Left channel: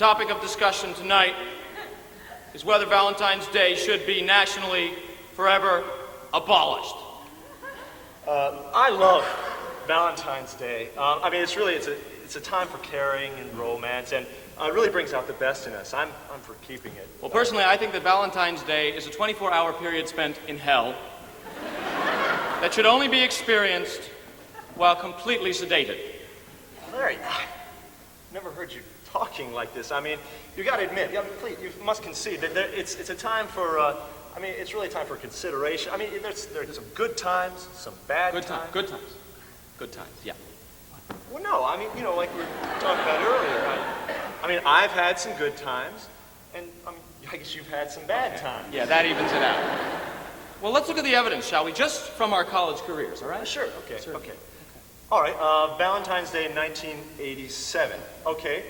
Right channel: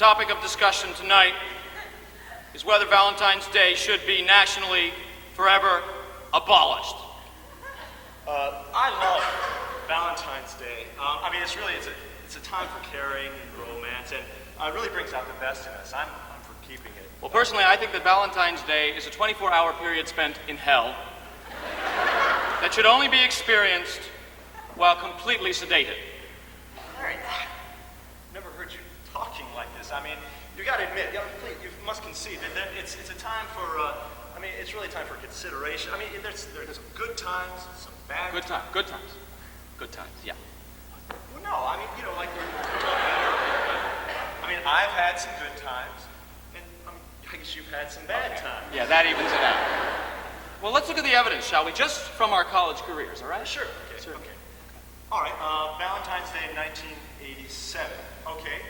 topic of discussion tonight is whether Valentine's Day should be nationally forever abolished. I love Valentine's Day. It's a time for caring and romance, and it really brings out the best in us. I'm for keeping it. Well, personally, I think that Valentine's Day is a 24-hour period spent in hell that should only be experienced while completely sedated. Larry, never heard you talking like this. I mean, you got to admit, you must concede that it's a time for. It's really a time for consideration. I mean, there's some good times, some bad times. Good times. Good times. Yeah. Well, no, I mean, I've had some good times, and you've had some bad times. Yeah, that even. Well, let's look at the evidence, shall we? Just from our college careers, all right? Sure. Okay. All right. Valentine's Day, 1987. Okay.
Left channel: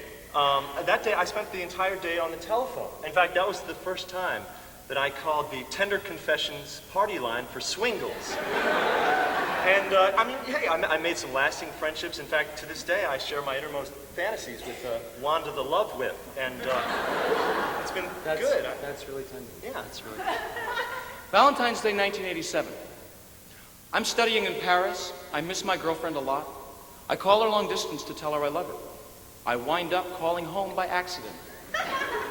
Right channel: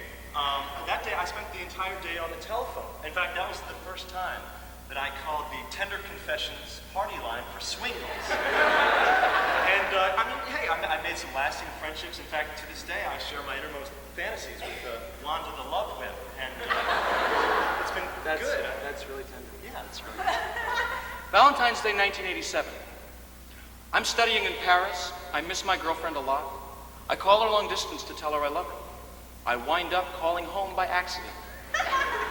That day, I spent the entire day on the telephone. In fact, that was the first time that I called the Tender Confessions party line for swingles. And I made some lasting friendships. In fact, to this day, I share my innermost fantasies with Wanda the Love Whip. And it's been good. That's really tender. Yeah, that's really Valentine's Day, 1987. I'm studying in Paris. I miss my girlfriend a lot. I call her long distance to tell her I love her. I wind up calling home by accident.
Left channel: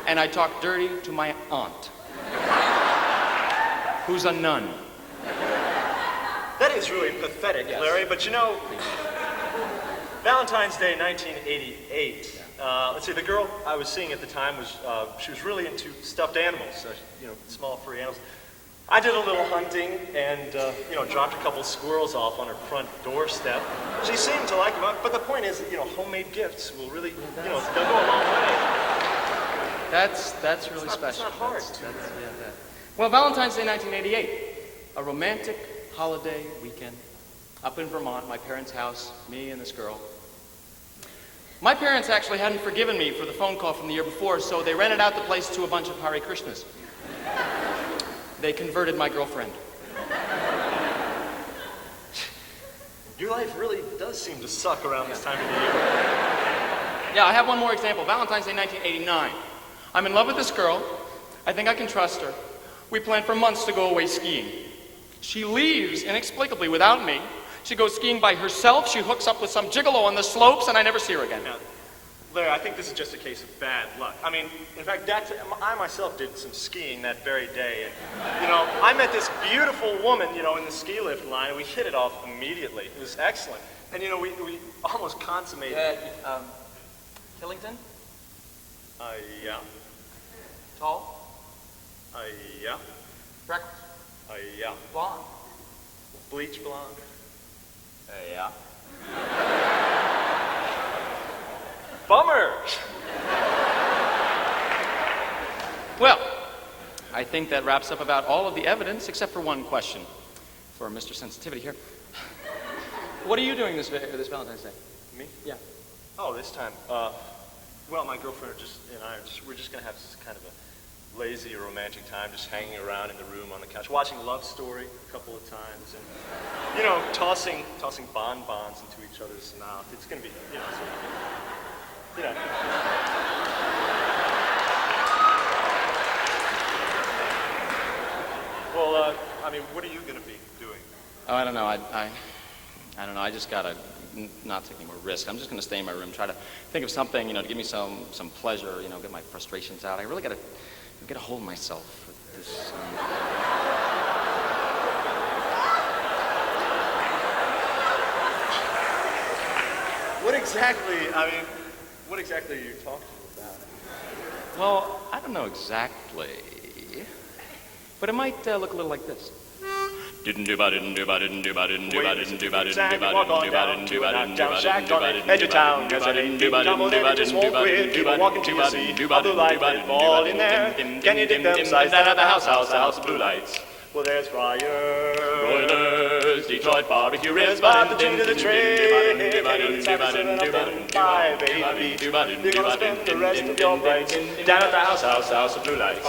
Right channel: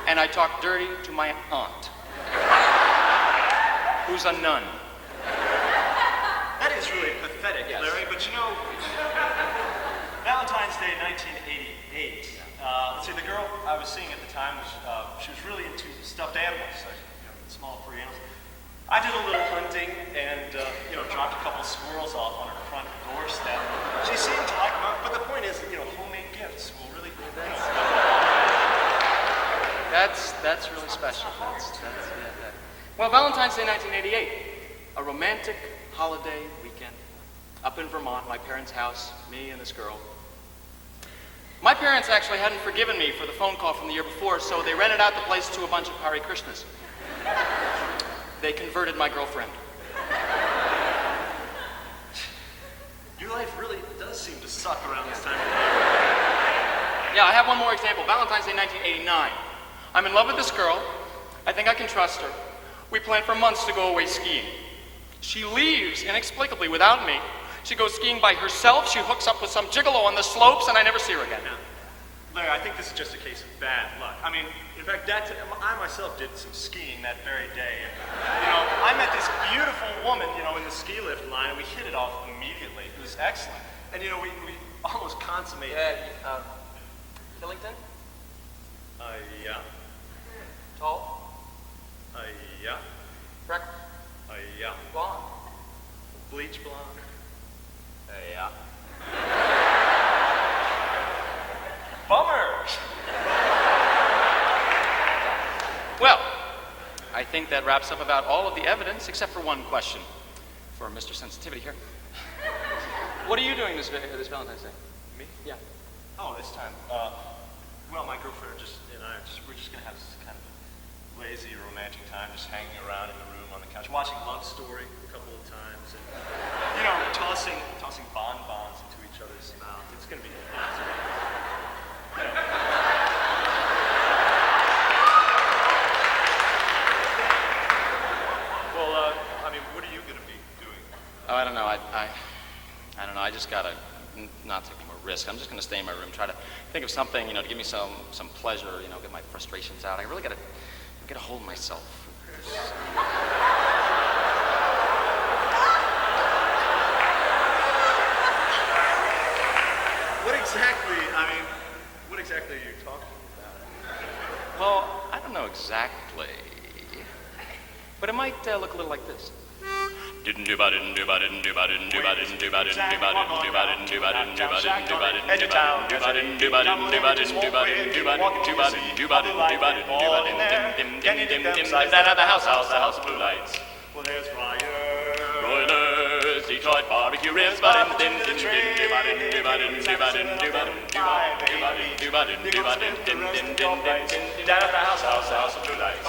And I talk dirty to my aunt, who's a nun. That is really pathetic, yes. Larry, but Valentine's Day, 1988. Let's see, the girl I was seeing at the time she was really into stuffed animals, small furry animals. I did a little hunting and, dropped a couple of squirrels off on her front doorstep. She seemed to like them, but the point is, homemade gifts will really, That's really special. It's not hard. Well, Valentine's Day, 1988, a romantic holiday weekend up in Vermont, my parents' house, me and this girl. My parents actually hadn't forgiven me for the phone call from the year before, so they rented out the place to a bunch of Hare Krishnas. They converted my girlfriend. Your life really does seem to suck around this time of Yeah, I have one more example. Valentine's Day, 1989. I'm in love with this girl. I think I can trust her. We plan for months to go away skiing. She leaves inexplicably without me. She goes skiing by herself. She hooks up with some gigolo on the slopes, and I never see her again. Larry, I think this is just a case of bad luck. I mean, in fact, I myself did some skiing that very day. I met this beautiful woman, in the ski lift line. We hit it off immediately. It was excellent. And, we almost consummated. Tillington? Yeah. Tall? Yeah. Freckle? Yeah. Blonde? Bleach blonde? Yeah. Bummer! Well, I think that wraps up about all of the evidence, except for one question for Mr. Sensitivity here. What are you doing this Valentine's Day? Me? Yeah. Oh, this time, well, my girlfriend and I we're just going to have this kind of a lazy, romantic time, just hanging around in the room on the couch, watching Love Story a couple of times, and, tossing bonbons into each other's mouth. It's going to be what are you going to be doing? I don't know. I don't know. I just gotta not take more risk. I'm just gonna stay in my room, try to think of something, give me some pleasure, get my frustrations out. I really gotta get a hold of myself. What exactly are you talking about? Well, I don't know exactly, but it might look a little like this. Jack, walk on down to a downtown shack on the edge of town. Yes, I didn't do it. Just won't wait. People walking to the sea of the light might fall in there. Can you dig them sides down at the house, blue lights? Well, there's fire. Broilers, Detroit barbecue ribs, but the thing to the train. It's happening at 5, baby. You're gonna spend the rest of your days down at the house, blue lights.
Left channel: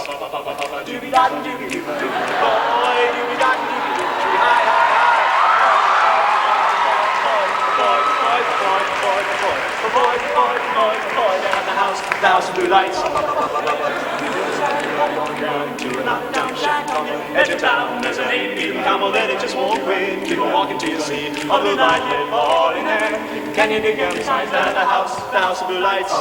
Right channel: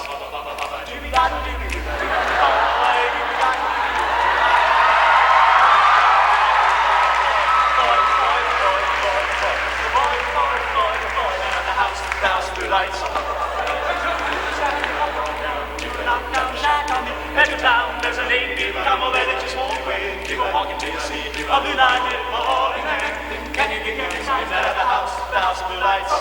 have two lights. Edge of town, there's a lady, come then it just won't win. People walking to the sea, a blue light, all in there. Can you dig every time that the house of blue lights?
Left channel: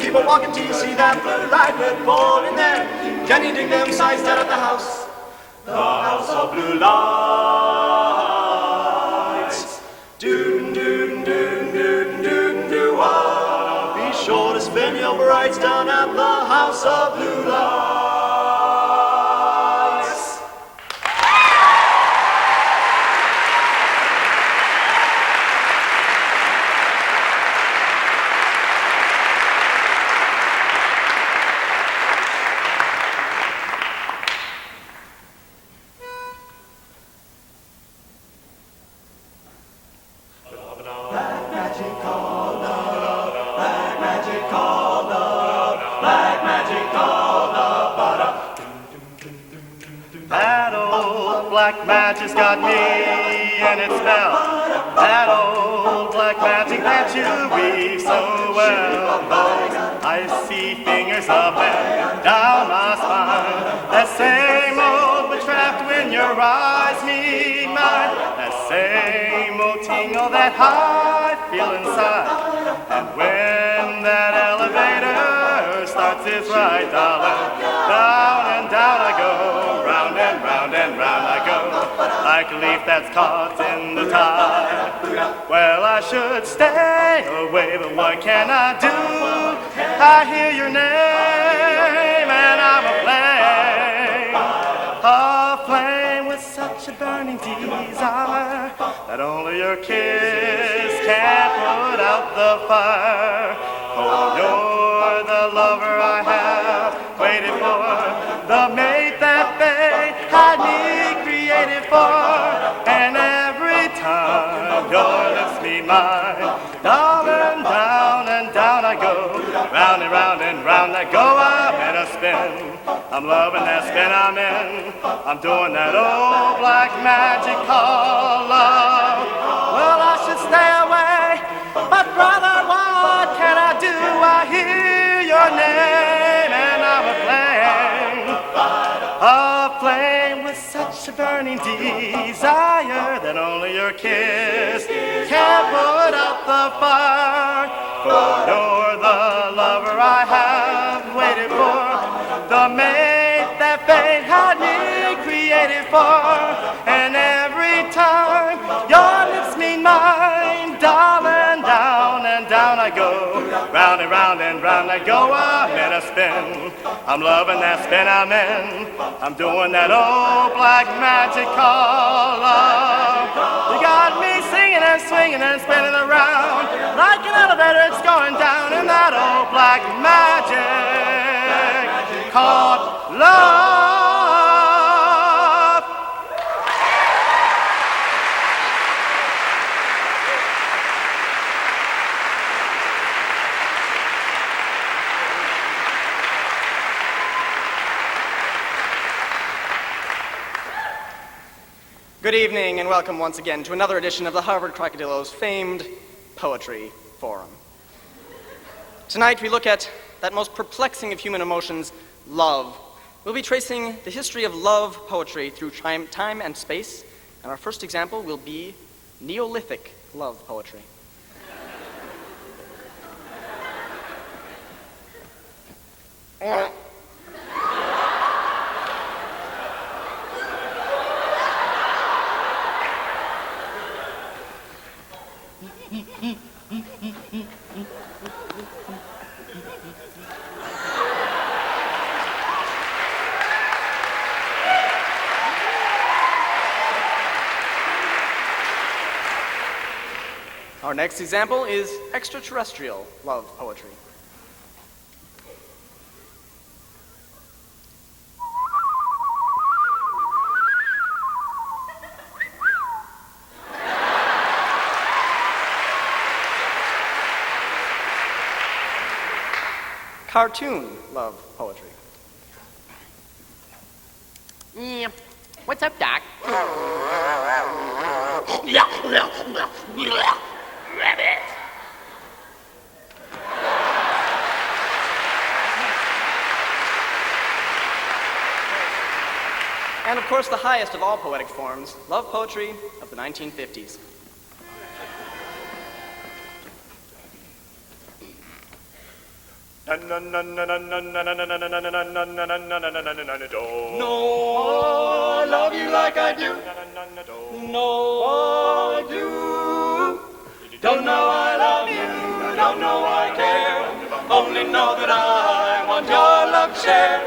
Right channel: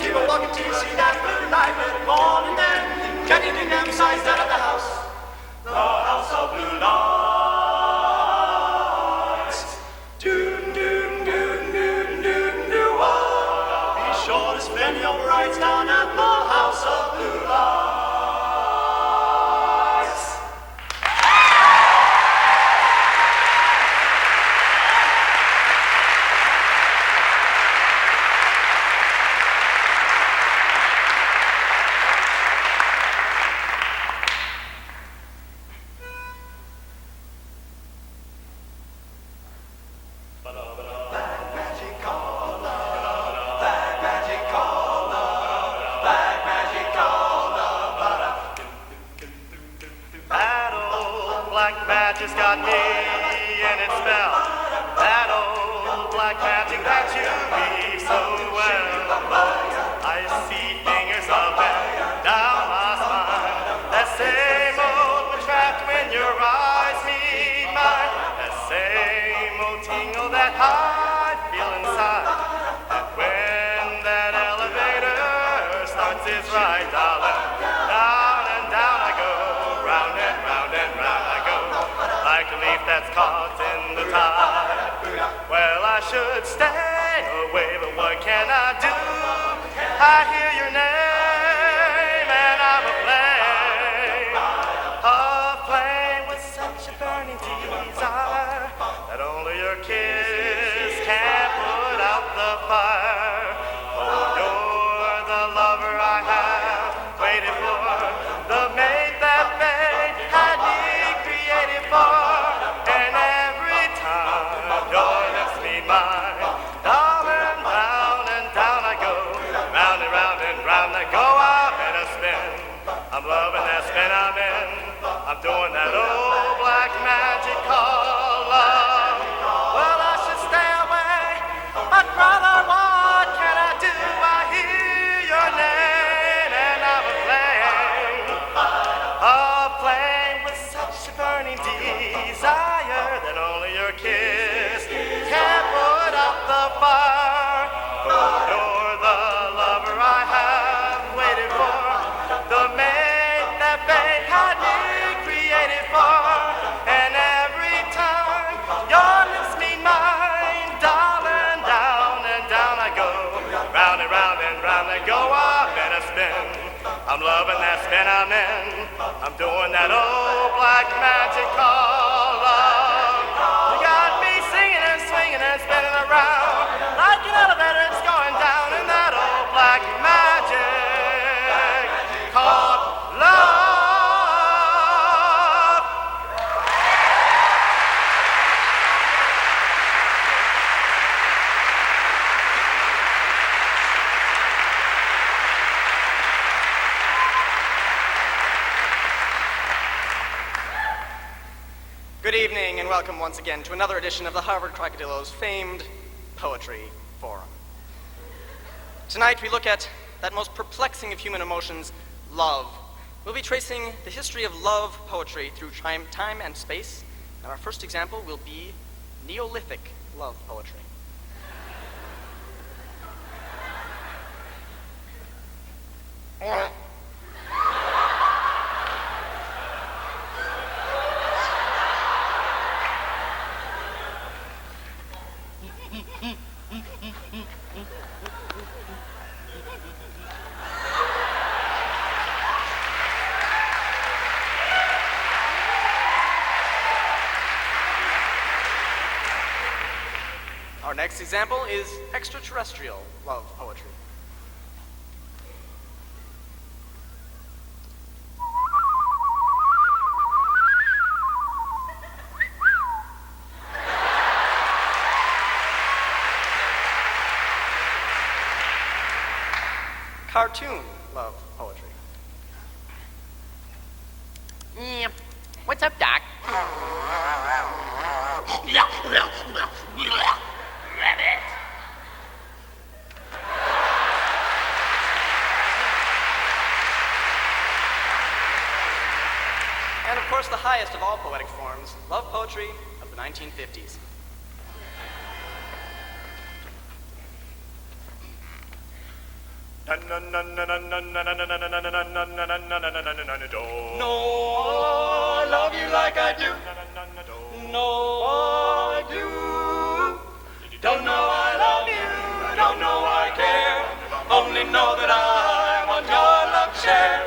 People walking to see that light red ball in there. Can you dig them sides at the house of blue lights? Doom, doom, doom, doom, doom, doom, ah. Be sure to spend your brights down at the house of blue lights. Black magic's got me in its spell. That old black magic that you weave so well. I see fingers up and down my spine. That same old trap in your eyes need mine. That same old tingle that I feel inside. And when that elevator starts its ride down and down I go, round and round and round I go. Like a leaf that's caught in the tide. Well, I should stay away, but what can I do? I hear your name and I'm aflame with such a burning desire that only your kiss can put out the fire. Oh, you're the lover I have waited for, the mate that fate had me created for, and every time you're next to me mine, down and down I go, round and round and round I go, I'm in a spin, I'm loving that spin I'm in, I'm doing that old black magic called love. Well, I should stay away, but brother, what can I do? I hear your name and I'm aflame with such a burning desire that only your kiss can put out the fire. You're the lover I have waited for, the mate that fate had me created for, and every time you're listening mine, darling, down and down I go, round and round and round I go, I'm in a spin, I'm loving that spin I'm in, I'm doing that old black magic called love. You got me singing and swinging and spinning around like an elevator, it's going down in that old black magic called love. Good evening and welcome once again to another edition of the Harvard Crocodillo's famed Poetry Forum. Tonight we look at that most perplexing of human emotions, love. We'll be tracing the history of love poetry through time and space, and our first example will be Neolithic love poetry. Our next example is extraterrestrial love poetry. cartoon love poetry. Yeah. What's up, Doc? And of course, the highest of all poetic forms, love poetry of the 1950s. No, I love you like I do. No, I do. Don't know I love you, don't know I care. Only know that I want your love share.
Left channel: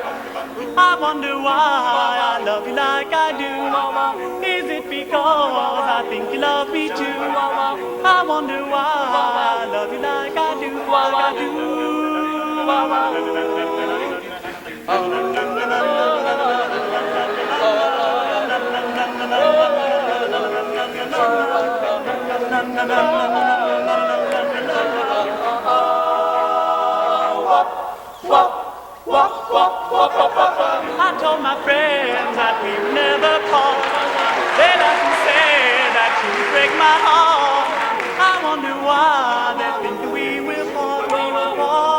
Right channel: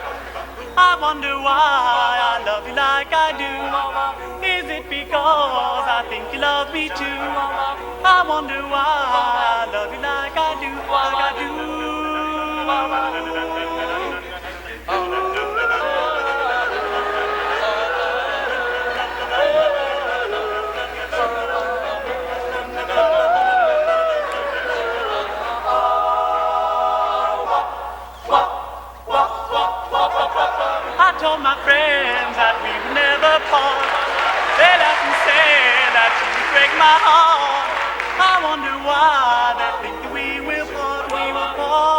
I wonder why I love you like I do. Is it because I think you love me too? I wonder why I love you like I do, like I do. I told my friends that we'd never part. They often say that you break my heart. I wonder why they think we will part, we will part.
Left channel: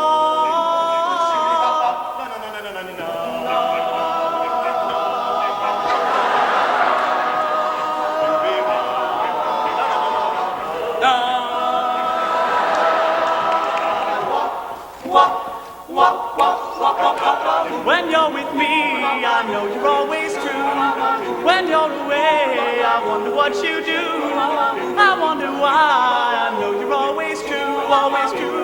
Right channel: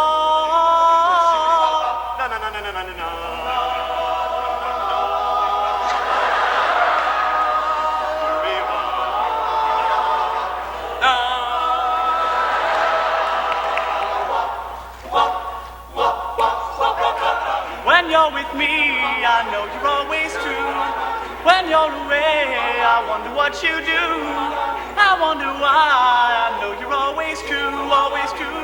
When you're with me, I know you're always true. When you're away, I wonder what you do. I wonder why I know you're always true, always true.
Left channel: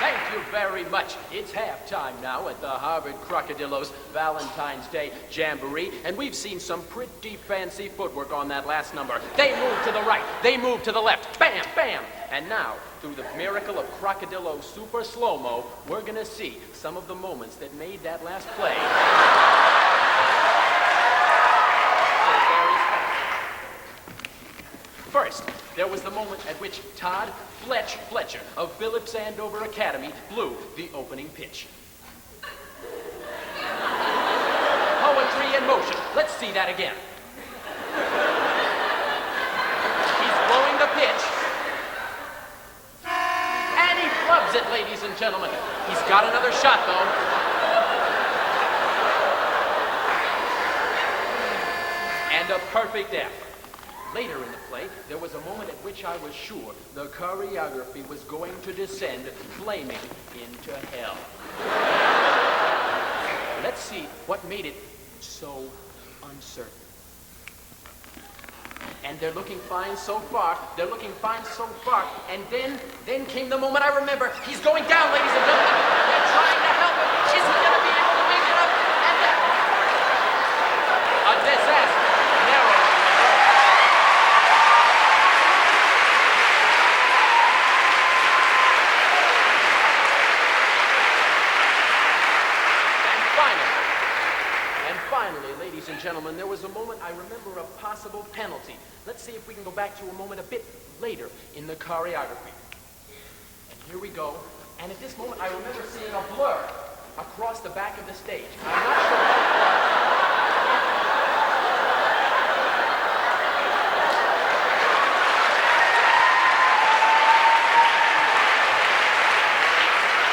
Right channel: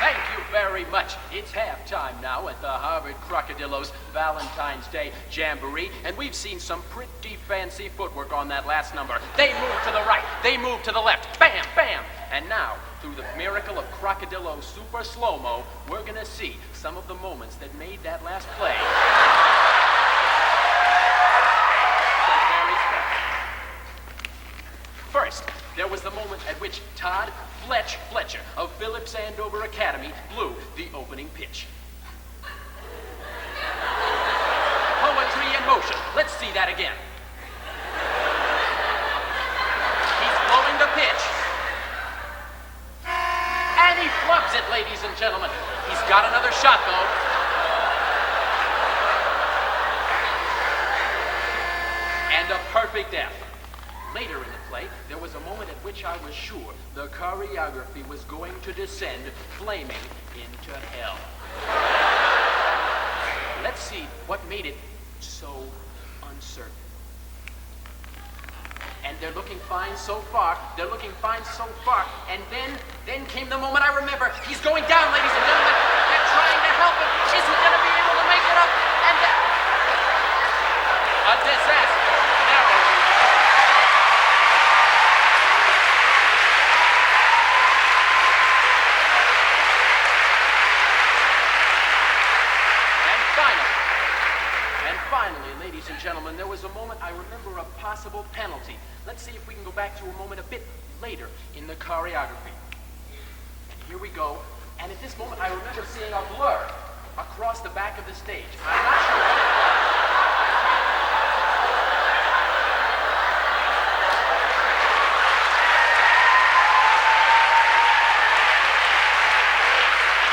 Thank you very much. It's halftime now at the Harvard Crocodillos Valentine's Day Jamboree, and we've seen some pretty fancy footwork on that last number. They move to the right, they move to the left, bam, bam! And now, through the miracle of Crocodillo Super Slow-Mo, we're gonna see some of the moments that made that last play. First, there was the moment at which Todd Fletcher of Phillips Andover Academy blew the opening pitch. Poetry in motion. Let's see that again. He's blowing the pitch. And he flubs it, ladies and gentlemen. He's got another shot, though. And a perfect F. Later in the play, there was a moment at which I was sure the choreography was going to descend flaming into hell. Let's see what made it so uncertain. And they're looking fine so far. They're looking fine so far. And then came the moment I remember. He's going down, ladies and gentlemen. They're trying to help him. Is he going to be able to make it up? And a disaster. Gentlemen, there was a moment I remember a possible penalty. Let's see if we can go back to a moment a bit later in the choreography. And here we go. And at this moment, I remember seeing a blur across the back of the stage. I'm not sure.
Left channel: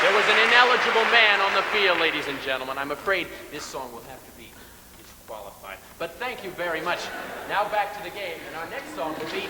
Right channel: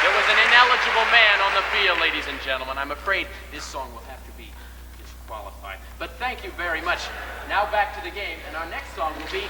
There was an ineligible man on the field, ladies and gentlemen. I'm afraid this song will have to be qualified. But thank you very much. Now back to the game, and our next song will be...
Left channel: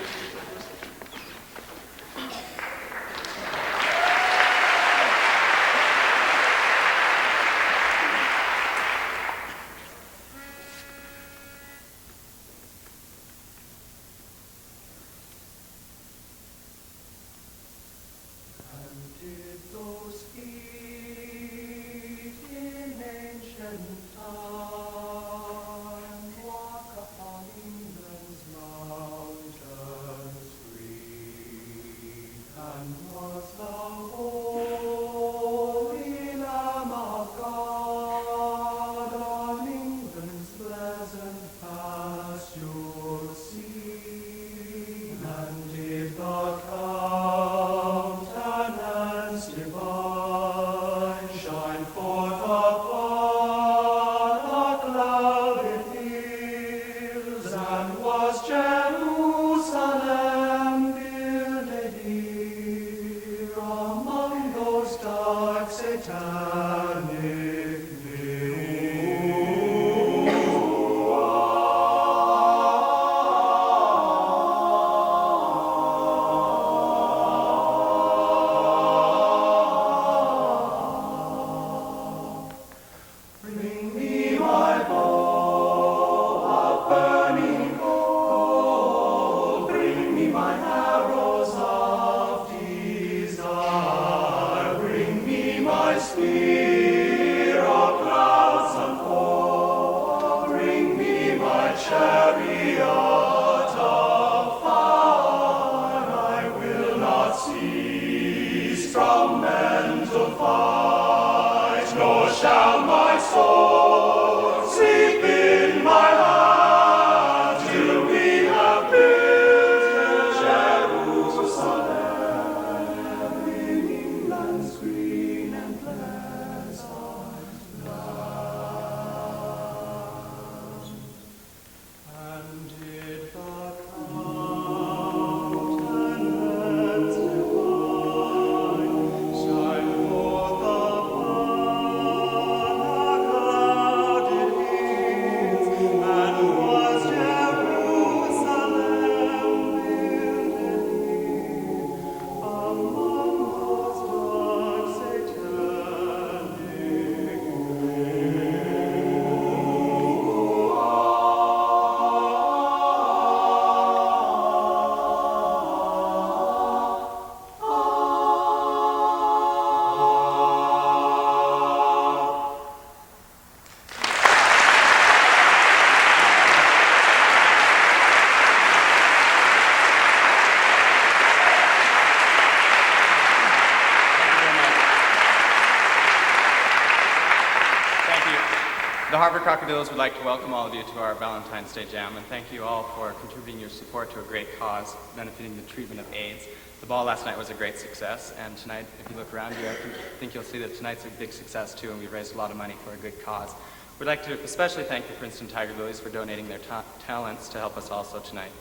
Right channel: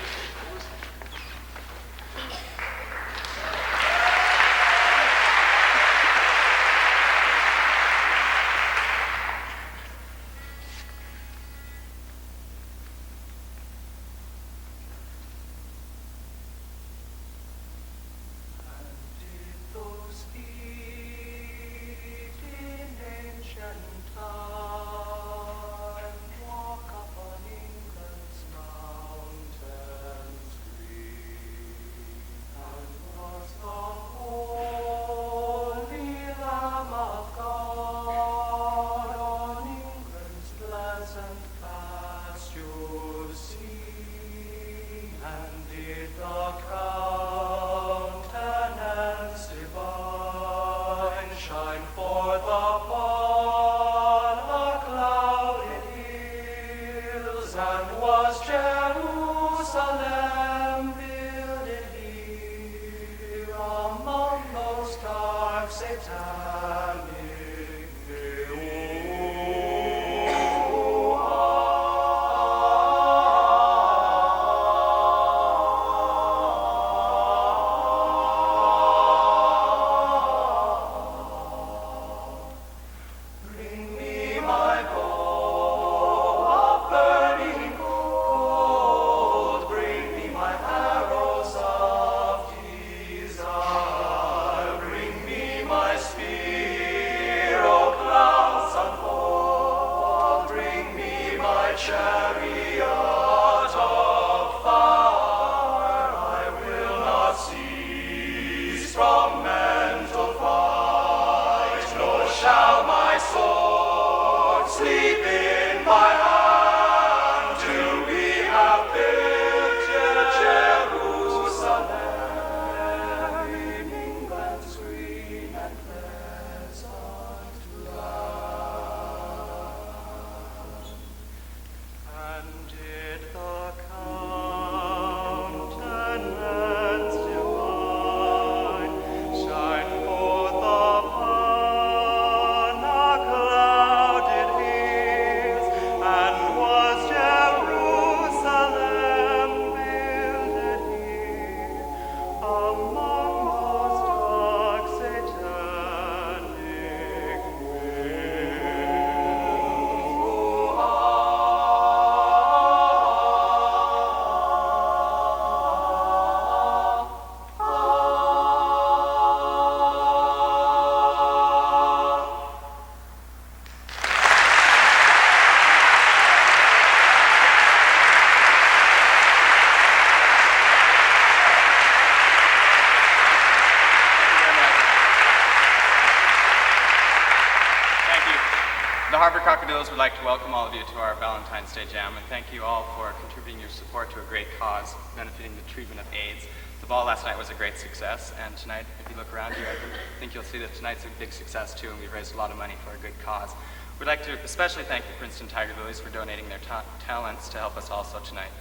Harvard Crocodiles would like to welcome all of you to our Valentine's Day Jam, and thank you all for contributing your support to a great cause, benefiting the treatment of AIDS. The ball last night was a great success, and tonight, if you look around you, I think you'll see that tonight's a big success too, and we've raised a lot of money for a good cause. We'd like to especially thank the Princeton Tiger Lilies for donating their talents to help us also tonight.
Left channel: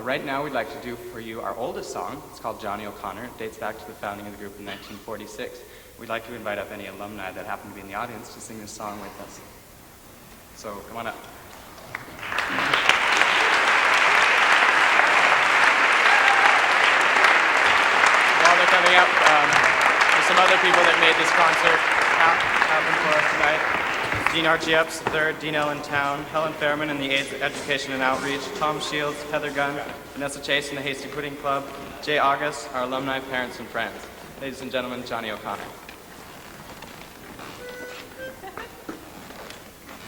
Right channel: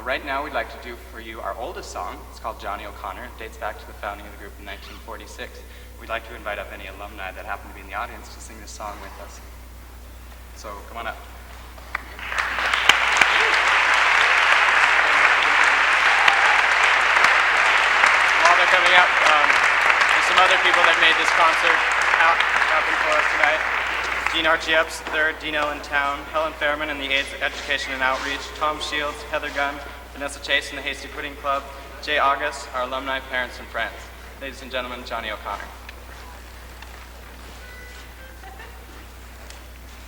Right now, we'd like to do for you our oldest song. It's called Johnny O'Connor. It dates back to the founding of the group in 1946. We'd like to invite up any alumni that happen to be in the audience to sing this song with us. So, come on up. While they're coming up, there's some other people that made this concert happen for us tonight. Dean Archie Epps III, Dean Allentown, Helen Fairman and the AIDS Education and Outreach, Tom Shields, Heather Gunn, Vanessa Chase and the Hasty Pudding Club, Jay August, our alumni, parents, and friends. Ladies and gentlemen, Johnny O'Connor.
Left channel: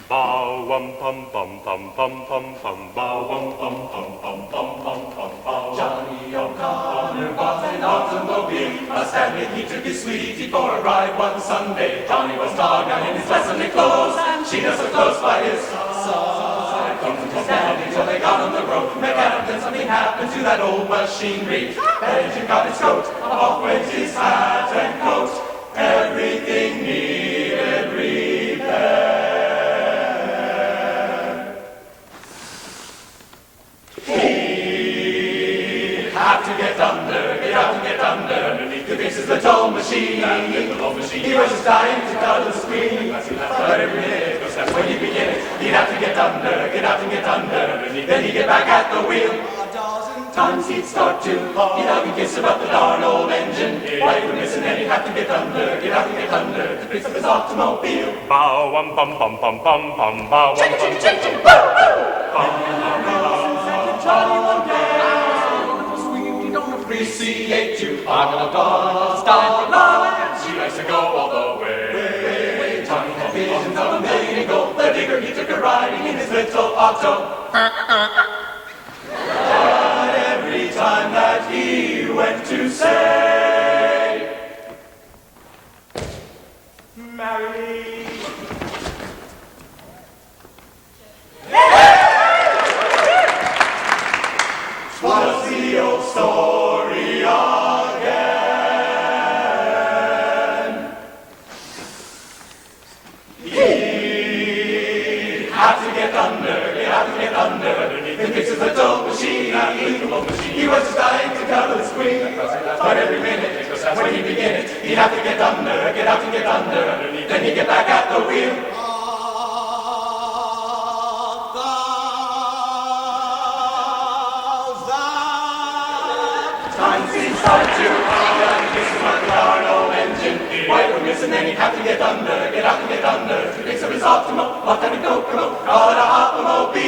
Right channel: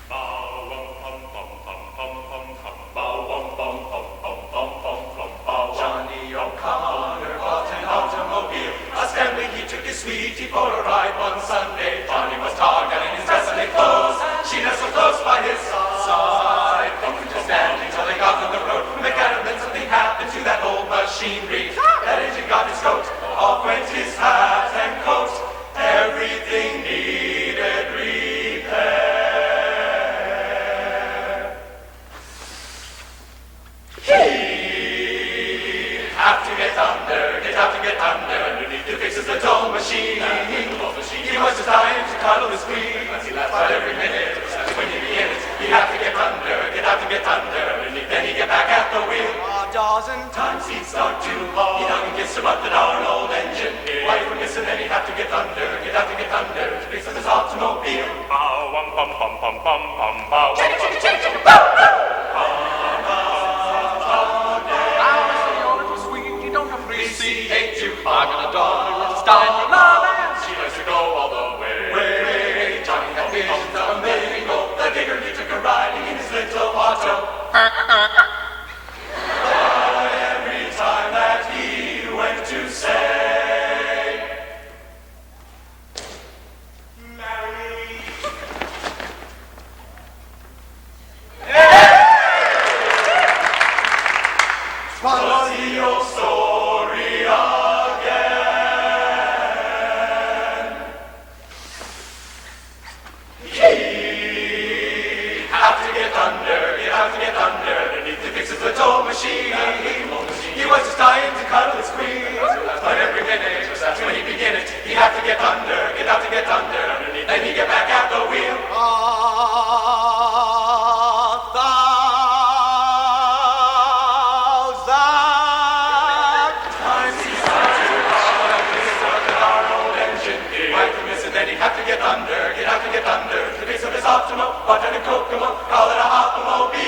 Bow wum pum pum pum pum pum pum. Bow wum pum pum pum pum pum pum. Johnny O'Connor bought an automobile. A Stanley he took his sweetie for a ride one Sunday. Johnny was dogged out in his dress and clothes. She nestled close by his side. Don't just stand until they got on the road. Make out of then something happened to that old machinery. That engine got its coat. Off went his hat and coat. Everything needed repair. Have to get under, get out and get under. Underneath the fixes the toll machine. He was just dying to cuddle his queen. But every minute, when he begin it, he'd have to get under, get out and get under. Then he'd get back at the wheel. A dozen times he'd start to. He'd hug and kiss him up the darn old engine. Right from this and then he'd have to get under, get out and get under. To fix his automobile. Bow wum pum pum pum pum pum. Bow wum pum pum pum appreciate you, Argonauts, dollars. She likes to go all the way. Johnny had visions of a million gold. The bigger he took a riding in his little auto. But every time that he went to say, marry me. Was the old story again? He'd have to get under, you have to get under. It fixes the toll machine. He was just dying to cuddle his queen. But every minute, when he begin it, he'd have to get under, get out to get under. Then he'd get back at the wheel. Have to get under, get out to get under. Fix up his optimal, what kind of Kokomo, call it a hopomobile.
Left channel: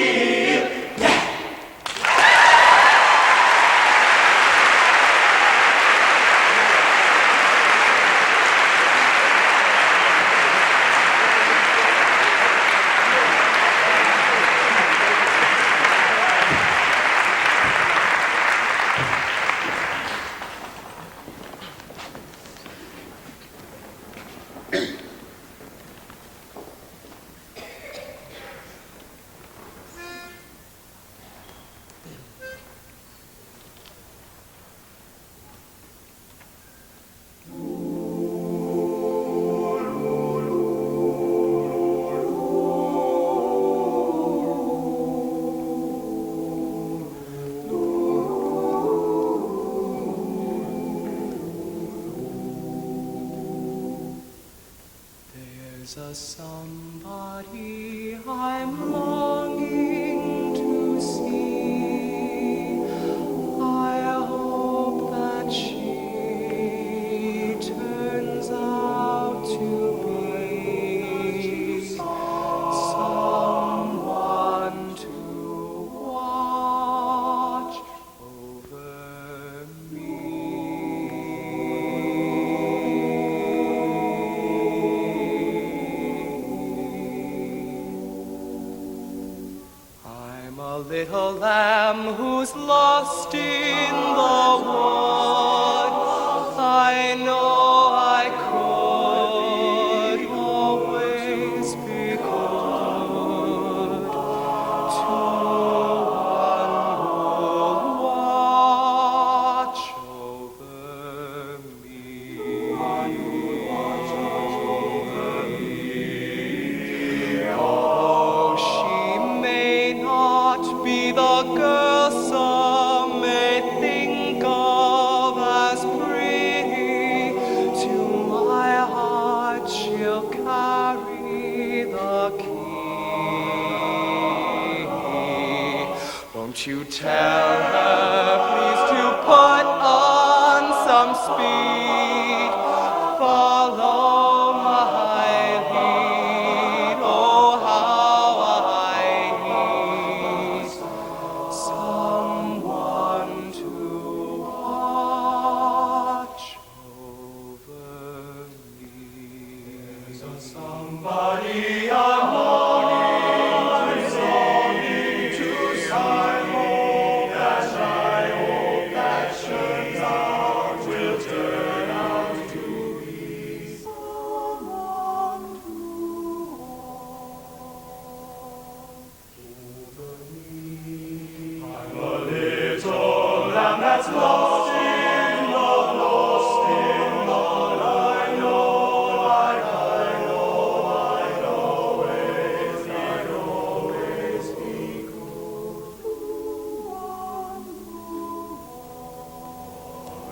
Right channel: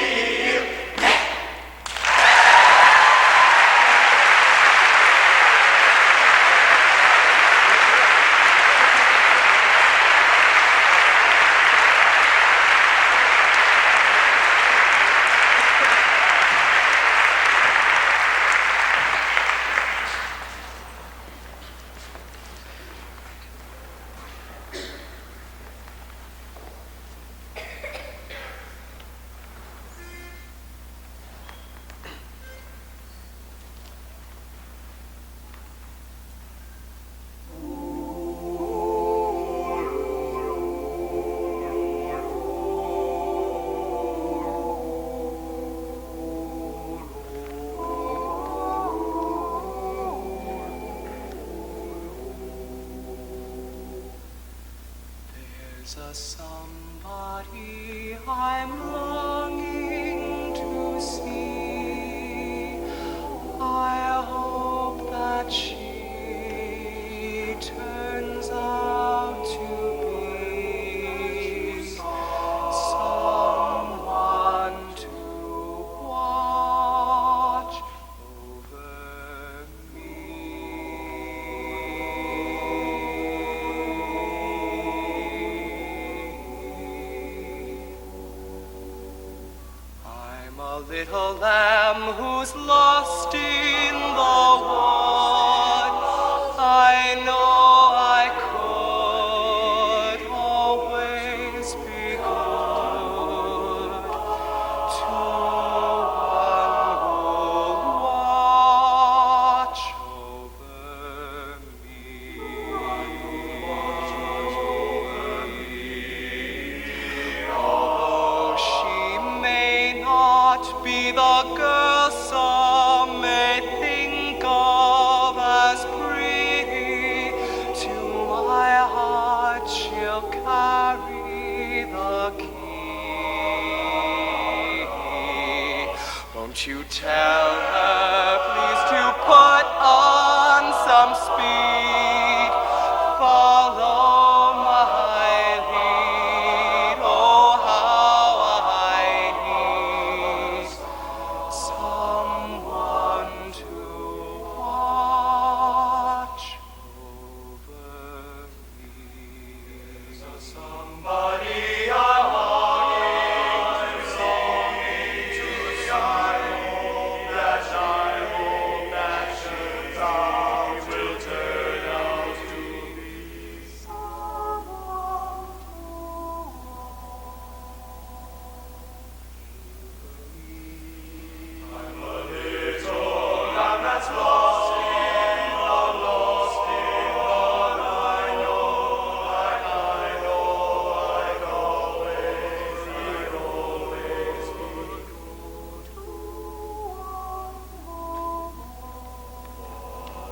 Little lamb who's lost in the woods, I know I could always be Somebody I'm longing to see. I hope that turns out will turn out to be someone who I'm a little lamb that's lost in the lost in the I know I'd always be good to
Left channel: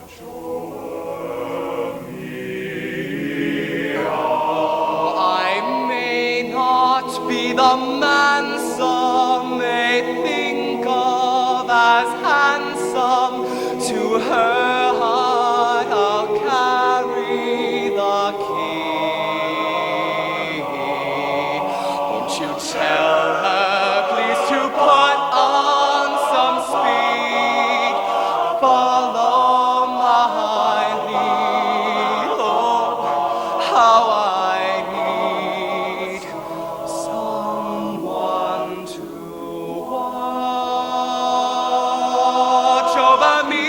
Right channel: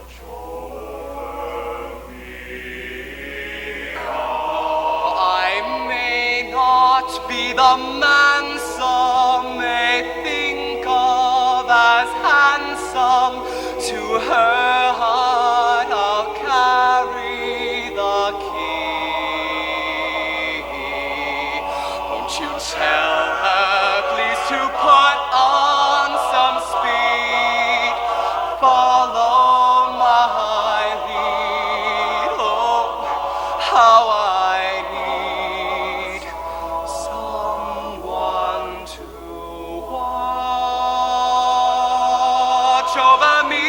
watch over me. I may not be the man some may think of as handsome. To her I'll carry the king. Won't you tell her, please, to put on some speed? Follow my lead. Oh, how I need someone to watch over me.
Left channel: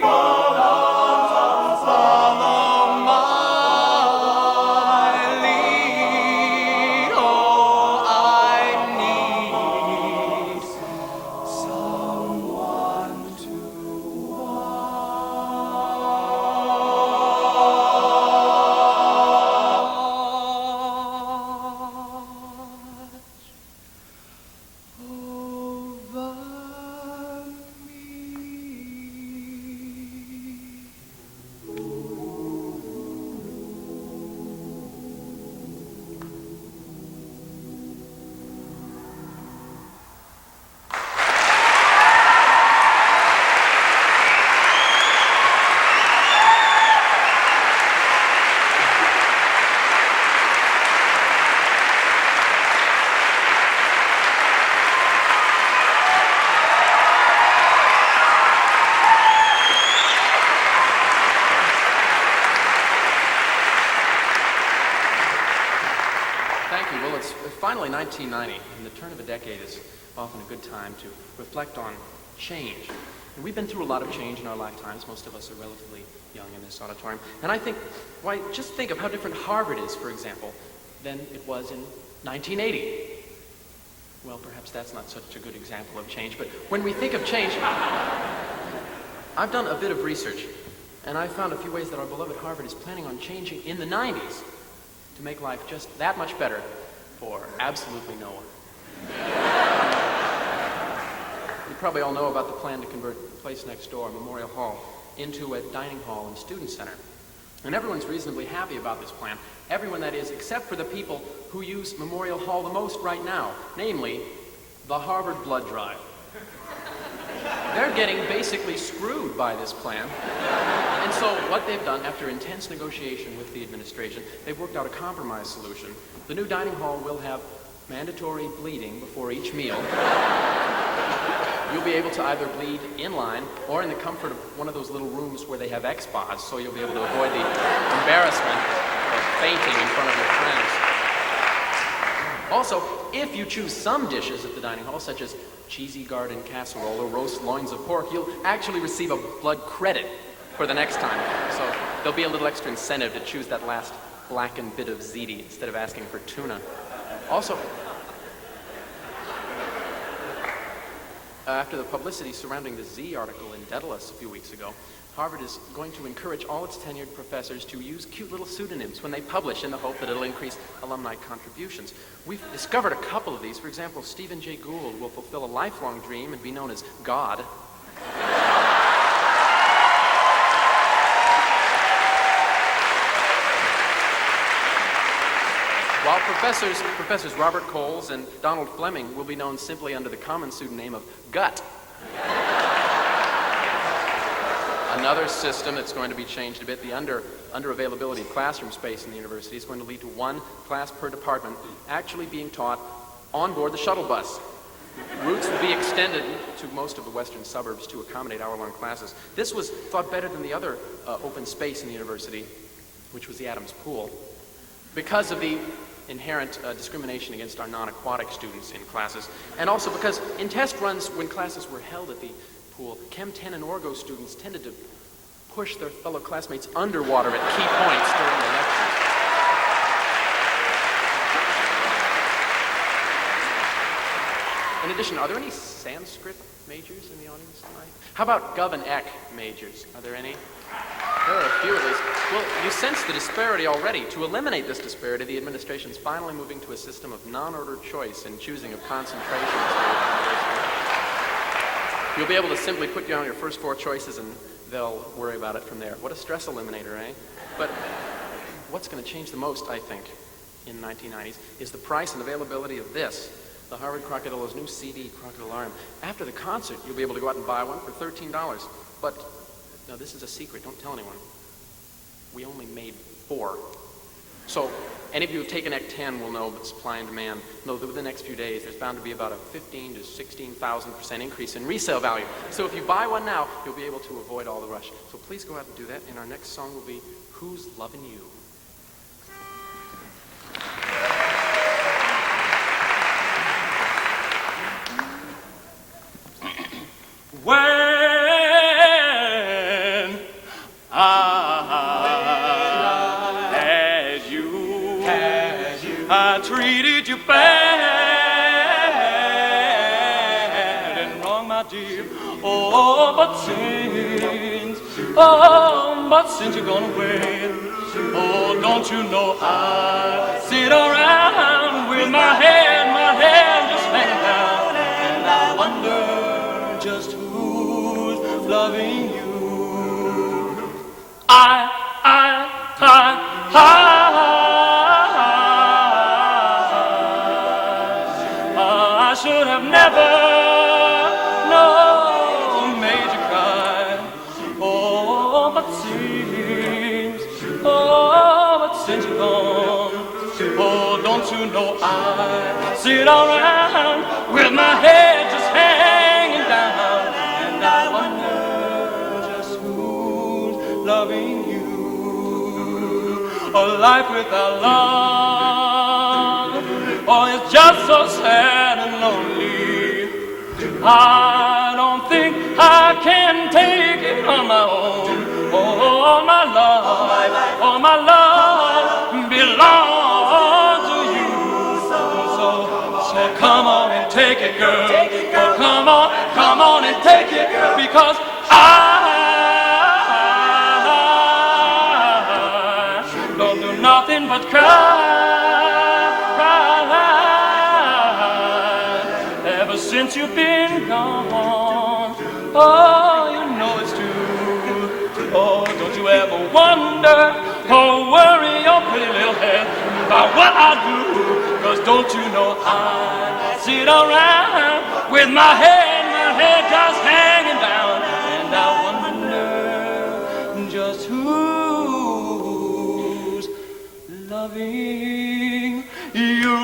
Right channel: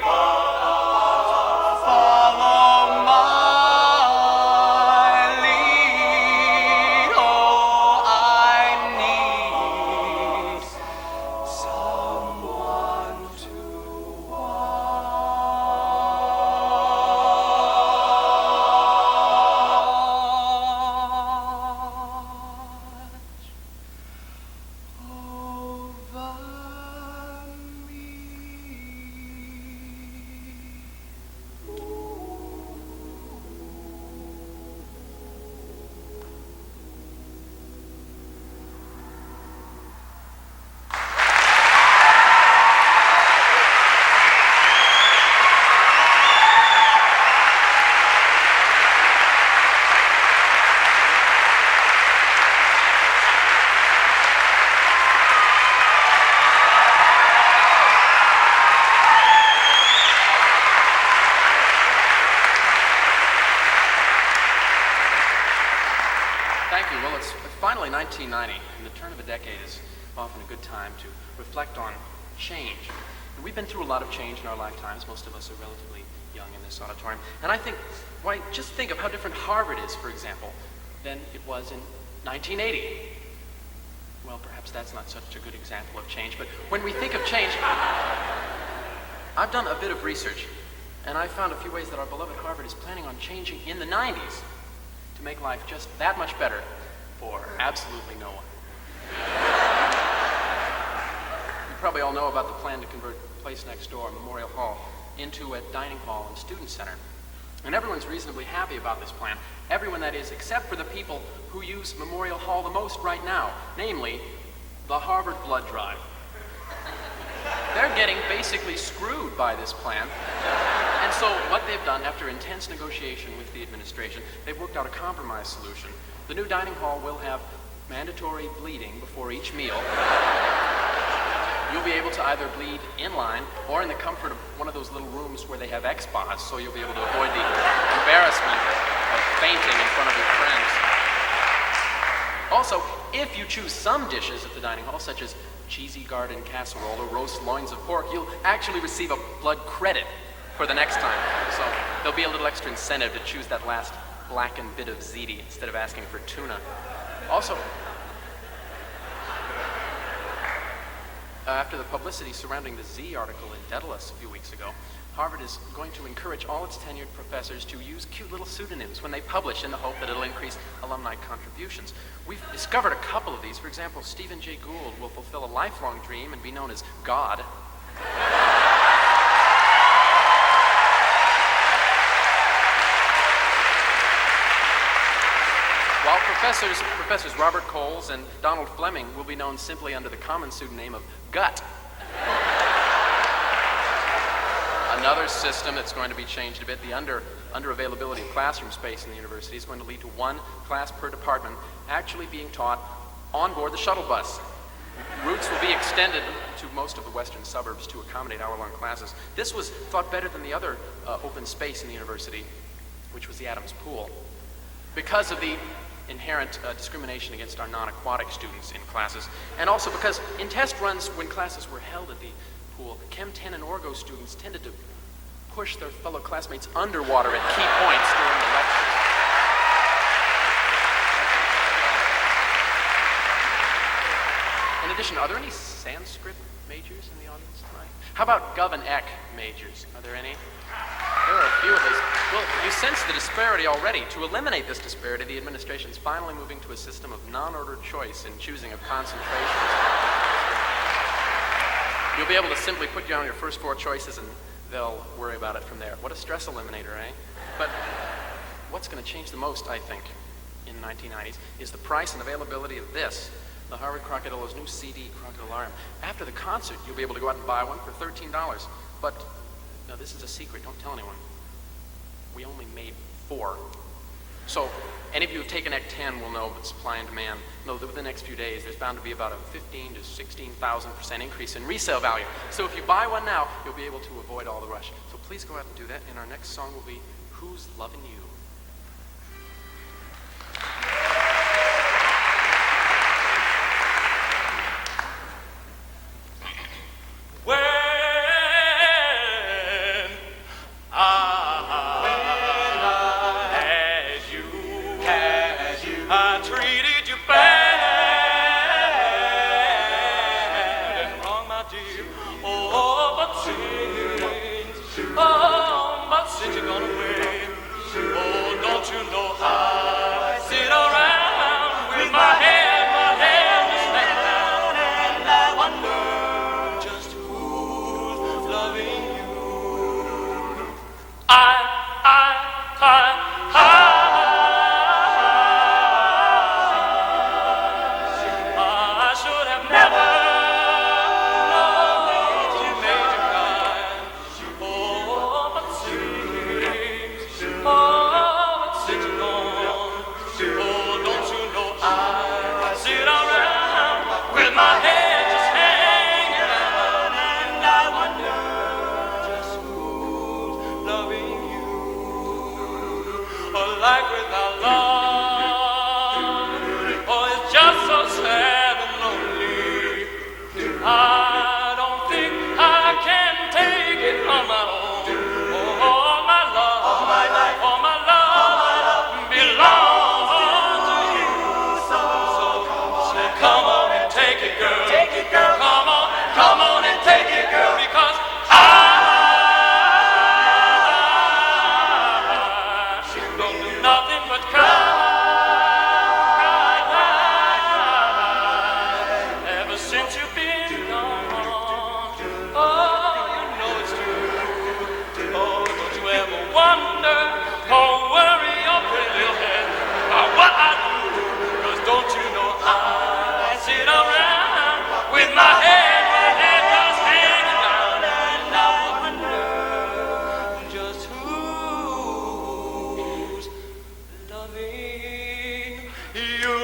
Follow my lead. Oh, I need someone to Thank you. Well, it's finally 1990, and the turn of the decade is often a good time to reflect on change. And we've been through a lot of change in our lifetimes. Most of us are relatively young in this auditorium. And I think, why, just think of how different Harvard is, for example, than it was in 1980. Well, perhaps that's not such a good example of change, but when we think of change, I've done a bit of research, and I found a few ways that our beloved Harvard is planning on changing in the 90s to make life just that much better for absolutely no one. You probably all know about the plan to convert the place next door, Memorial Hall, into a dining hall and student center. And everyone's reasonably happy about this plan. Everyone, that is, except for the people who use Memorial Hall the most right now, namely, the Harvard blood drive. They're getting basically screwed by this plan. And so what they've done, after intense negotiation with the administration, they've worked out a compromise solution. The new dining hall will have mandatory bleeding before each meal. You'll be able to either bleed in line or in the comfort of one of those little rooms where they have X-Bots, so you'll be able to avoid the embarrassment of fainting in front of the screen. Also, if you choose some dishes at the dining hall, such as cheesy garden casserole or roast loins of pork, you'll actually receive a blood credit for the next time. So there'll be a little extra incentive to choose that last blackened bit of ziti instead of asking for tuna. Also, after the publicity surrounding the Z article in Daedalus a few weeks ago, Harvard is going to encourage all its tenured professors to use cute little pseudonyms when they publish in the hope that it'll increase alumni contributions. We've discovered a couple of these. For example, Stephen Jay Gould will fulfill a lifelong dream and be known as God. While Professors Robert Coles and Donald Fleming will be known simply under the common student name of Gut. Another system that's going to be changed a bit, the under-availability of classroom space in the university is going to lead to one class per department actually being taught on board the shuttle bus. Routes will be extended to most of the western suburbs to accommodate hour-long classes. This was thought better than the other open space in the university which was the Adams Pool, because of the inherent discrimination against our non-aquatic students in classes, and also because in test runs when classes were held at the pool, Chem 10 and Orgo students tended to push their fellow classmates underwater with key points during the lecture. In addition, are there any Sanskrit majors in the audience? How about Gov and Ec majors? Are there any? There are a few of us. Well, we sense the disparity already. To eliminate this disparity, the administration is finally moving to a system of non-order choice in choosing a concentration. You'll be able to simply put down your first 4 choices and they'll worry about it from there. What a stress eliminator, eh? But what's going to change the most, I think, in the 1990s is the price and availability of this, the Harvard Crocodilo's new CD Crocodile Line. After the concert, you'll be able to go out and buy one for $13. But, no, this is a secret. Don't tell anyone. We only made 4. So, any of you who've taken Act 10 will know supply and demand. Those over the next few days, it's found to be about a 15 to 16,000% increase in resale value. So if you buy one now, you'll be able to avoid all the rush. So please go out and do that, and our next song will be Who's Loving You? Since you're gone away, oh, don't you know I sit around with my hand just hanging down, and I wonder just who's loving you. I should have never. Sit around with my head just hanging down, and I wonder just who's loving you. A life without love, oh, it's just so sad and lonely. I don't think I can take it on my own. Oh, my love belongs. Come on and take it, girl. Oh, come on and take it, girl. Because I don't do nothing but cry. Ever since you've been gone, oh, you know it's true. Oh, don't you ever wonder or worry your pretty little head about what I do? 'Cause don't you know I sit around with my head just hanging down, and I wonder just who's loving you.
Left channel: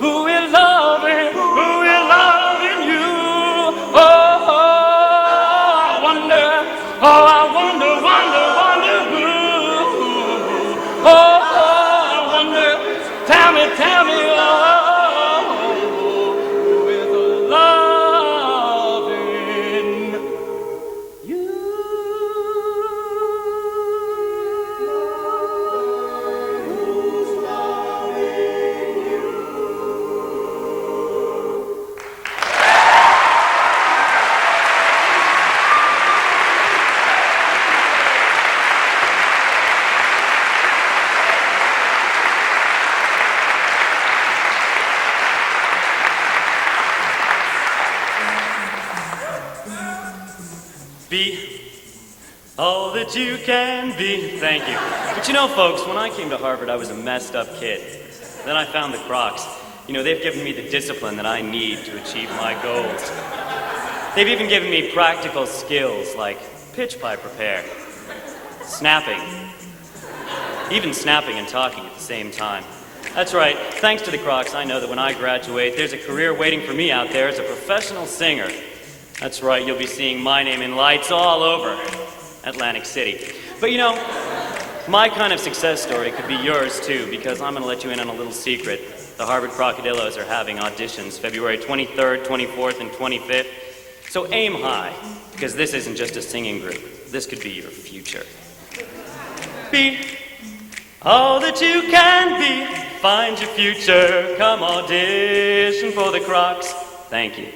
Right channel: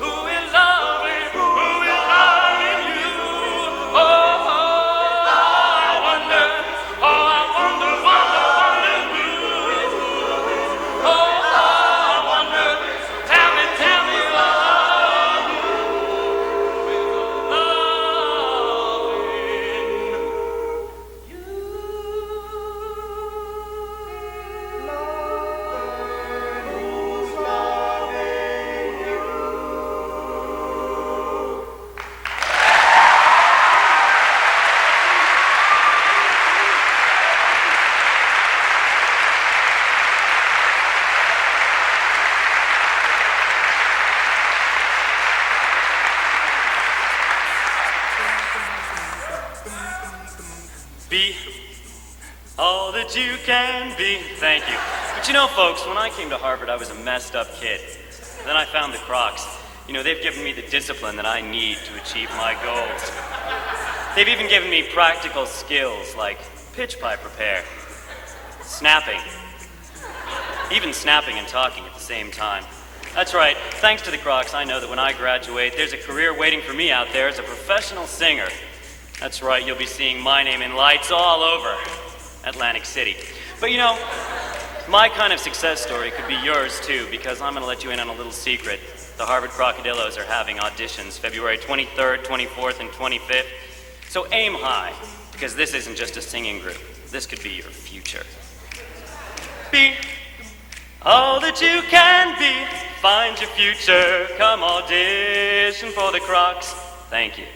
Who is loving you? Oh, I wonder who. Oh, I wonder, tell me, all that you can be. Thank you. But you know, folks, when I came to Harvard, I was a messed up kid. Then I found the Kroks. You know, they've given me the discipline that I need to achieve my goals. They've even given me practical skills like pitch pipe repair, snapping, even snapping and talking at the same time. That's right. Thanks to the Kroks, I know that when I graduate, there's a career waiting for me out there as a professional singer. That's right, you'll be seeing my name in lights all over Atlantic City. But you know, My kind of success story could be yours too, because I'm going to let you in on a little secret. The Harvard Crocodillos are having auditions February 23rd, 24th, and 25th. So aim high, because this isn't just a singing group. This could be your future. Be all that you can be. Find your future. Come audition for the Kroks. Thank you.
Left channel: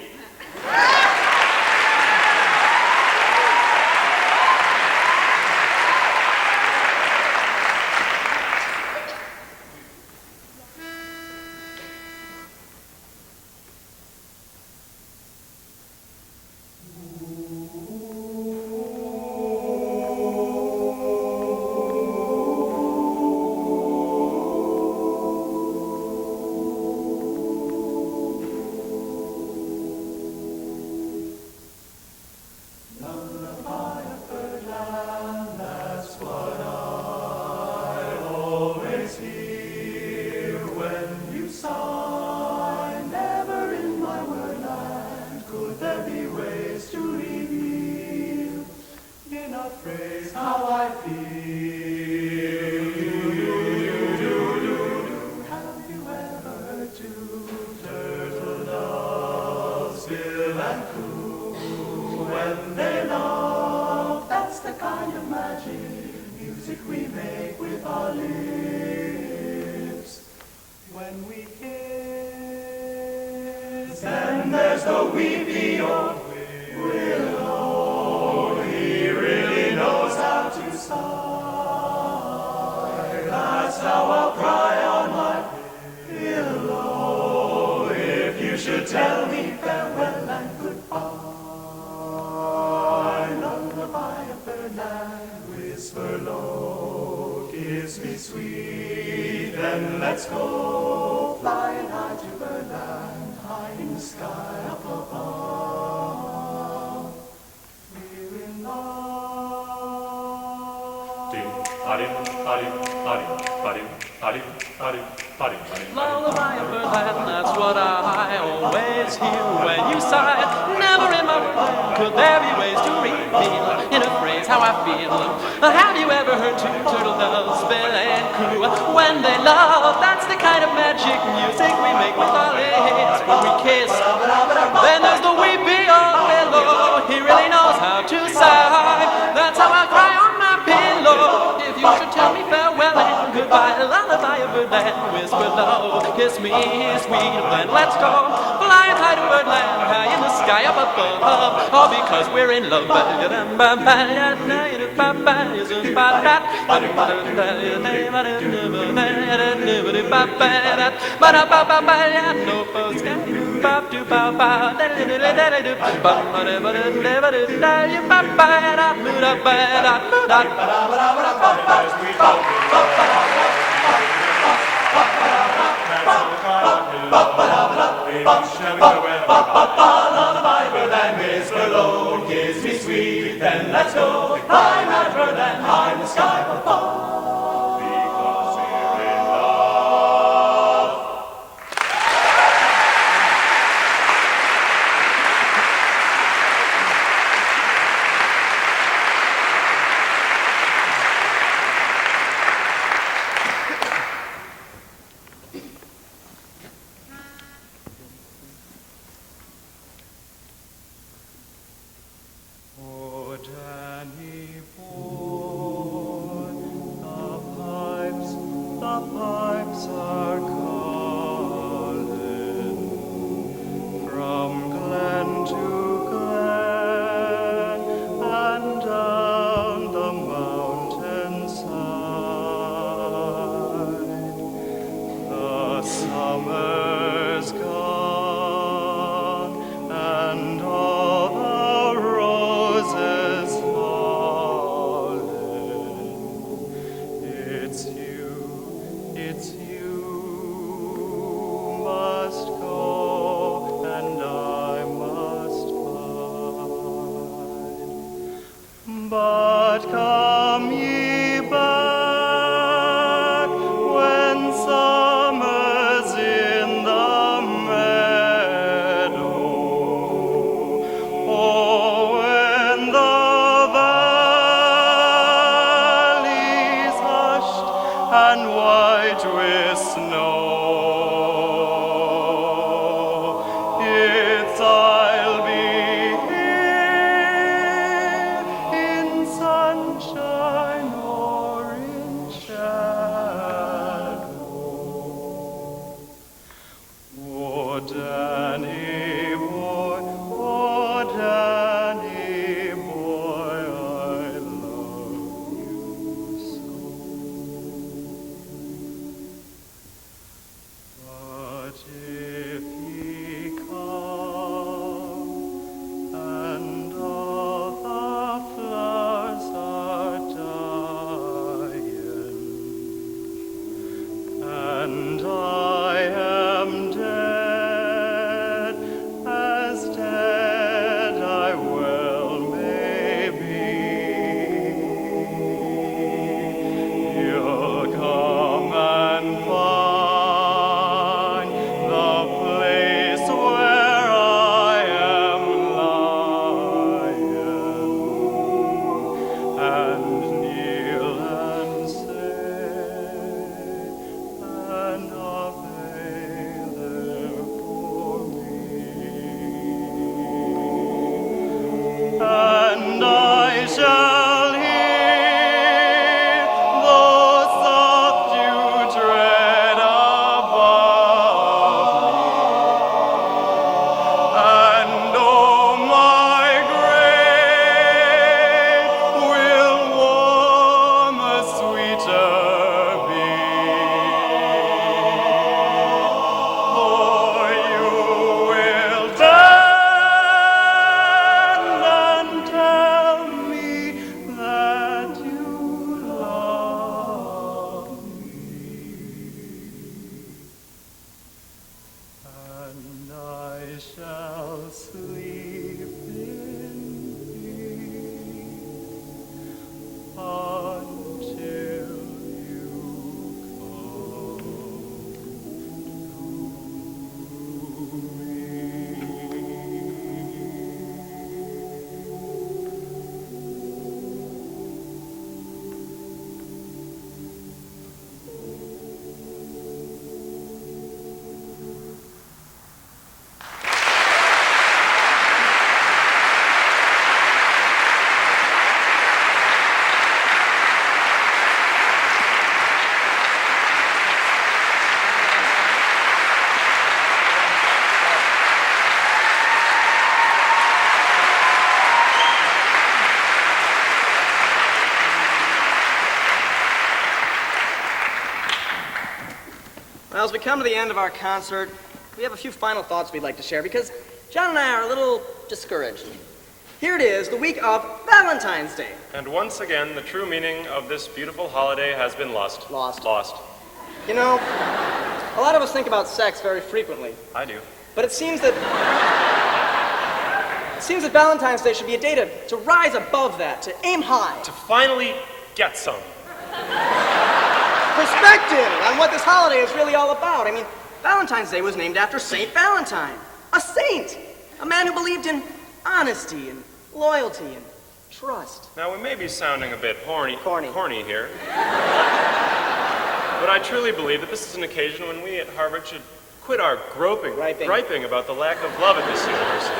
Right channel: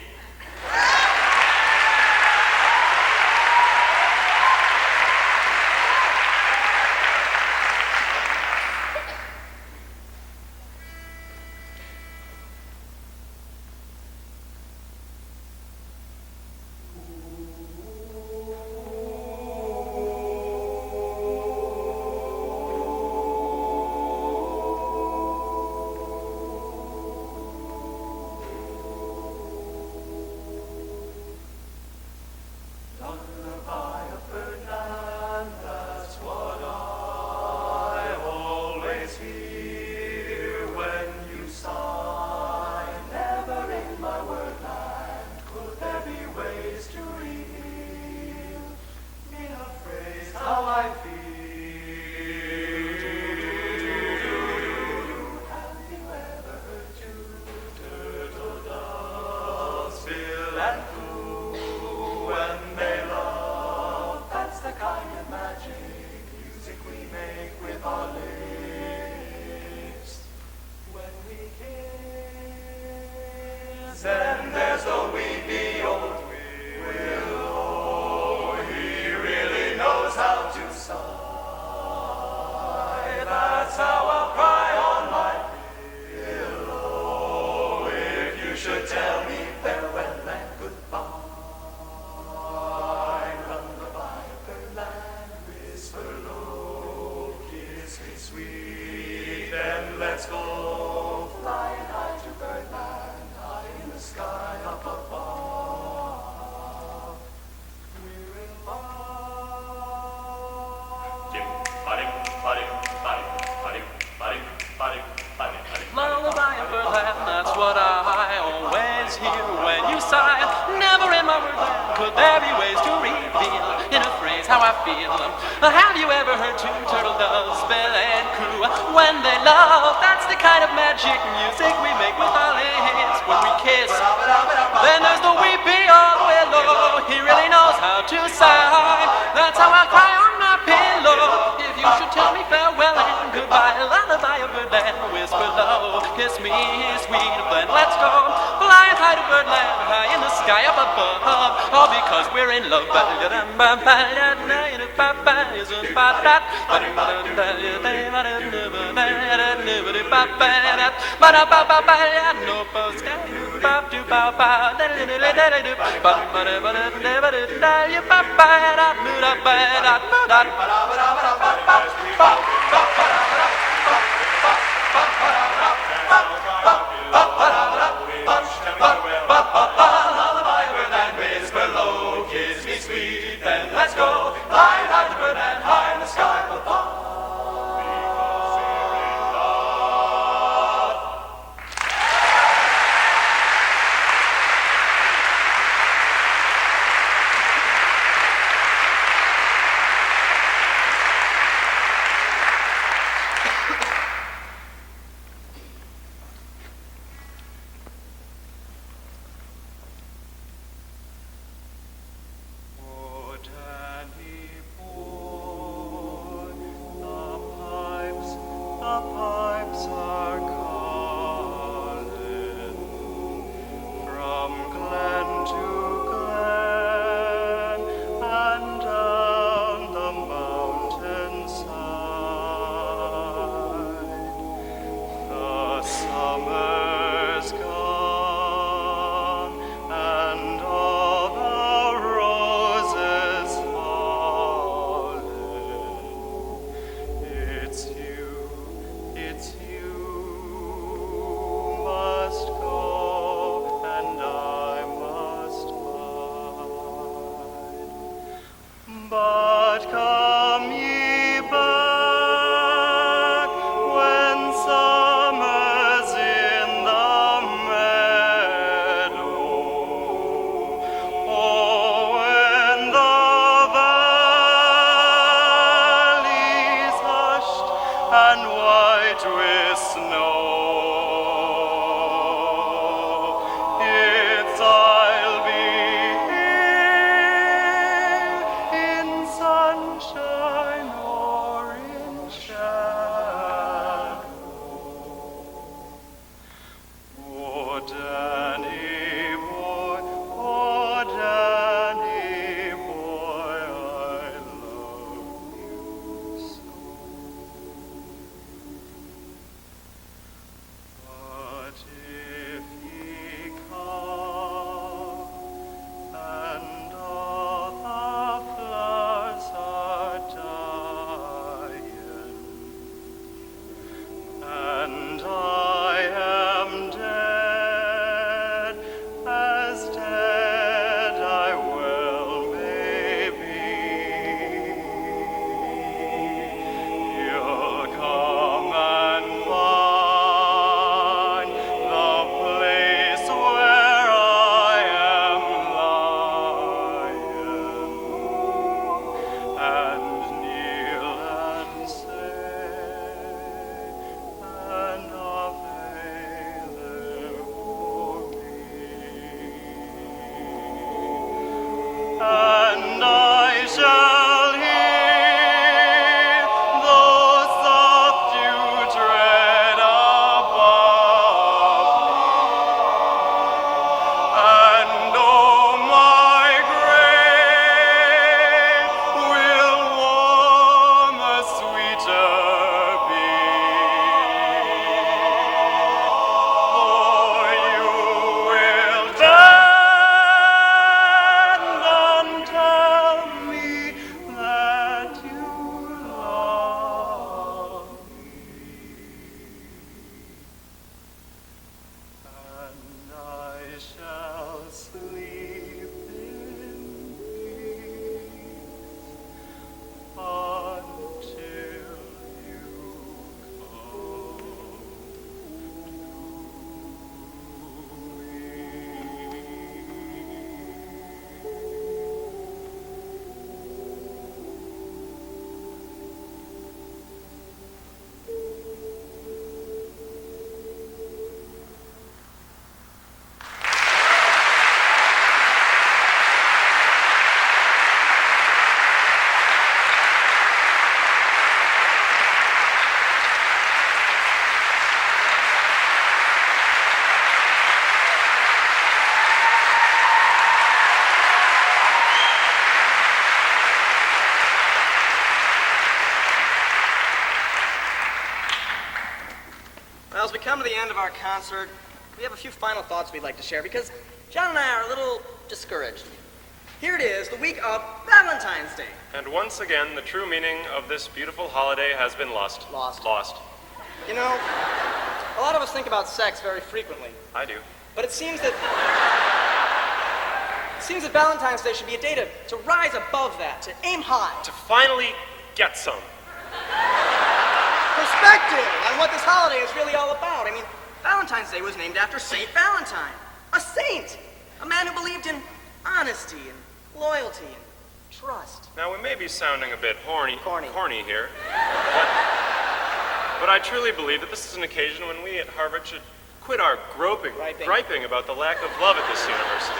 Well, as we come to the end of our concert, we have a few final thoughts we'd like to share because John and I are a little discouraged. Here it is, the week of Valentine's Day. And once again, the true meaning of this beautiful holiday has been lost. Lost. You know, a lot of us think about sex very frequently. I do. But it seems that Valentine's Day should be a day to rise above that, to aim high. To finally get some. Perspective on what this holiday is really all about. I mean, Valentine's Day was named after Saint Valentine, a saint, a man who believed in honesty and loyalty and trust. Now, we may be sounding a bit horny here, But but I truly believe that this is an occasion when we at Harvard should quit our griping about the lack of love in this university.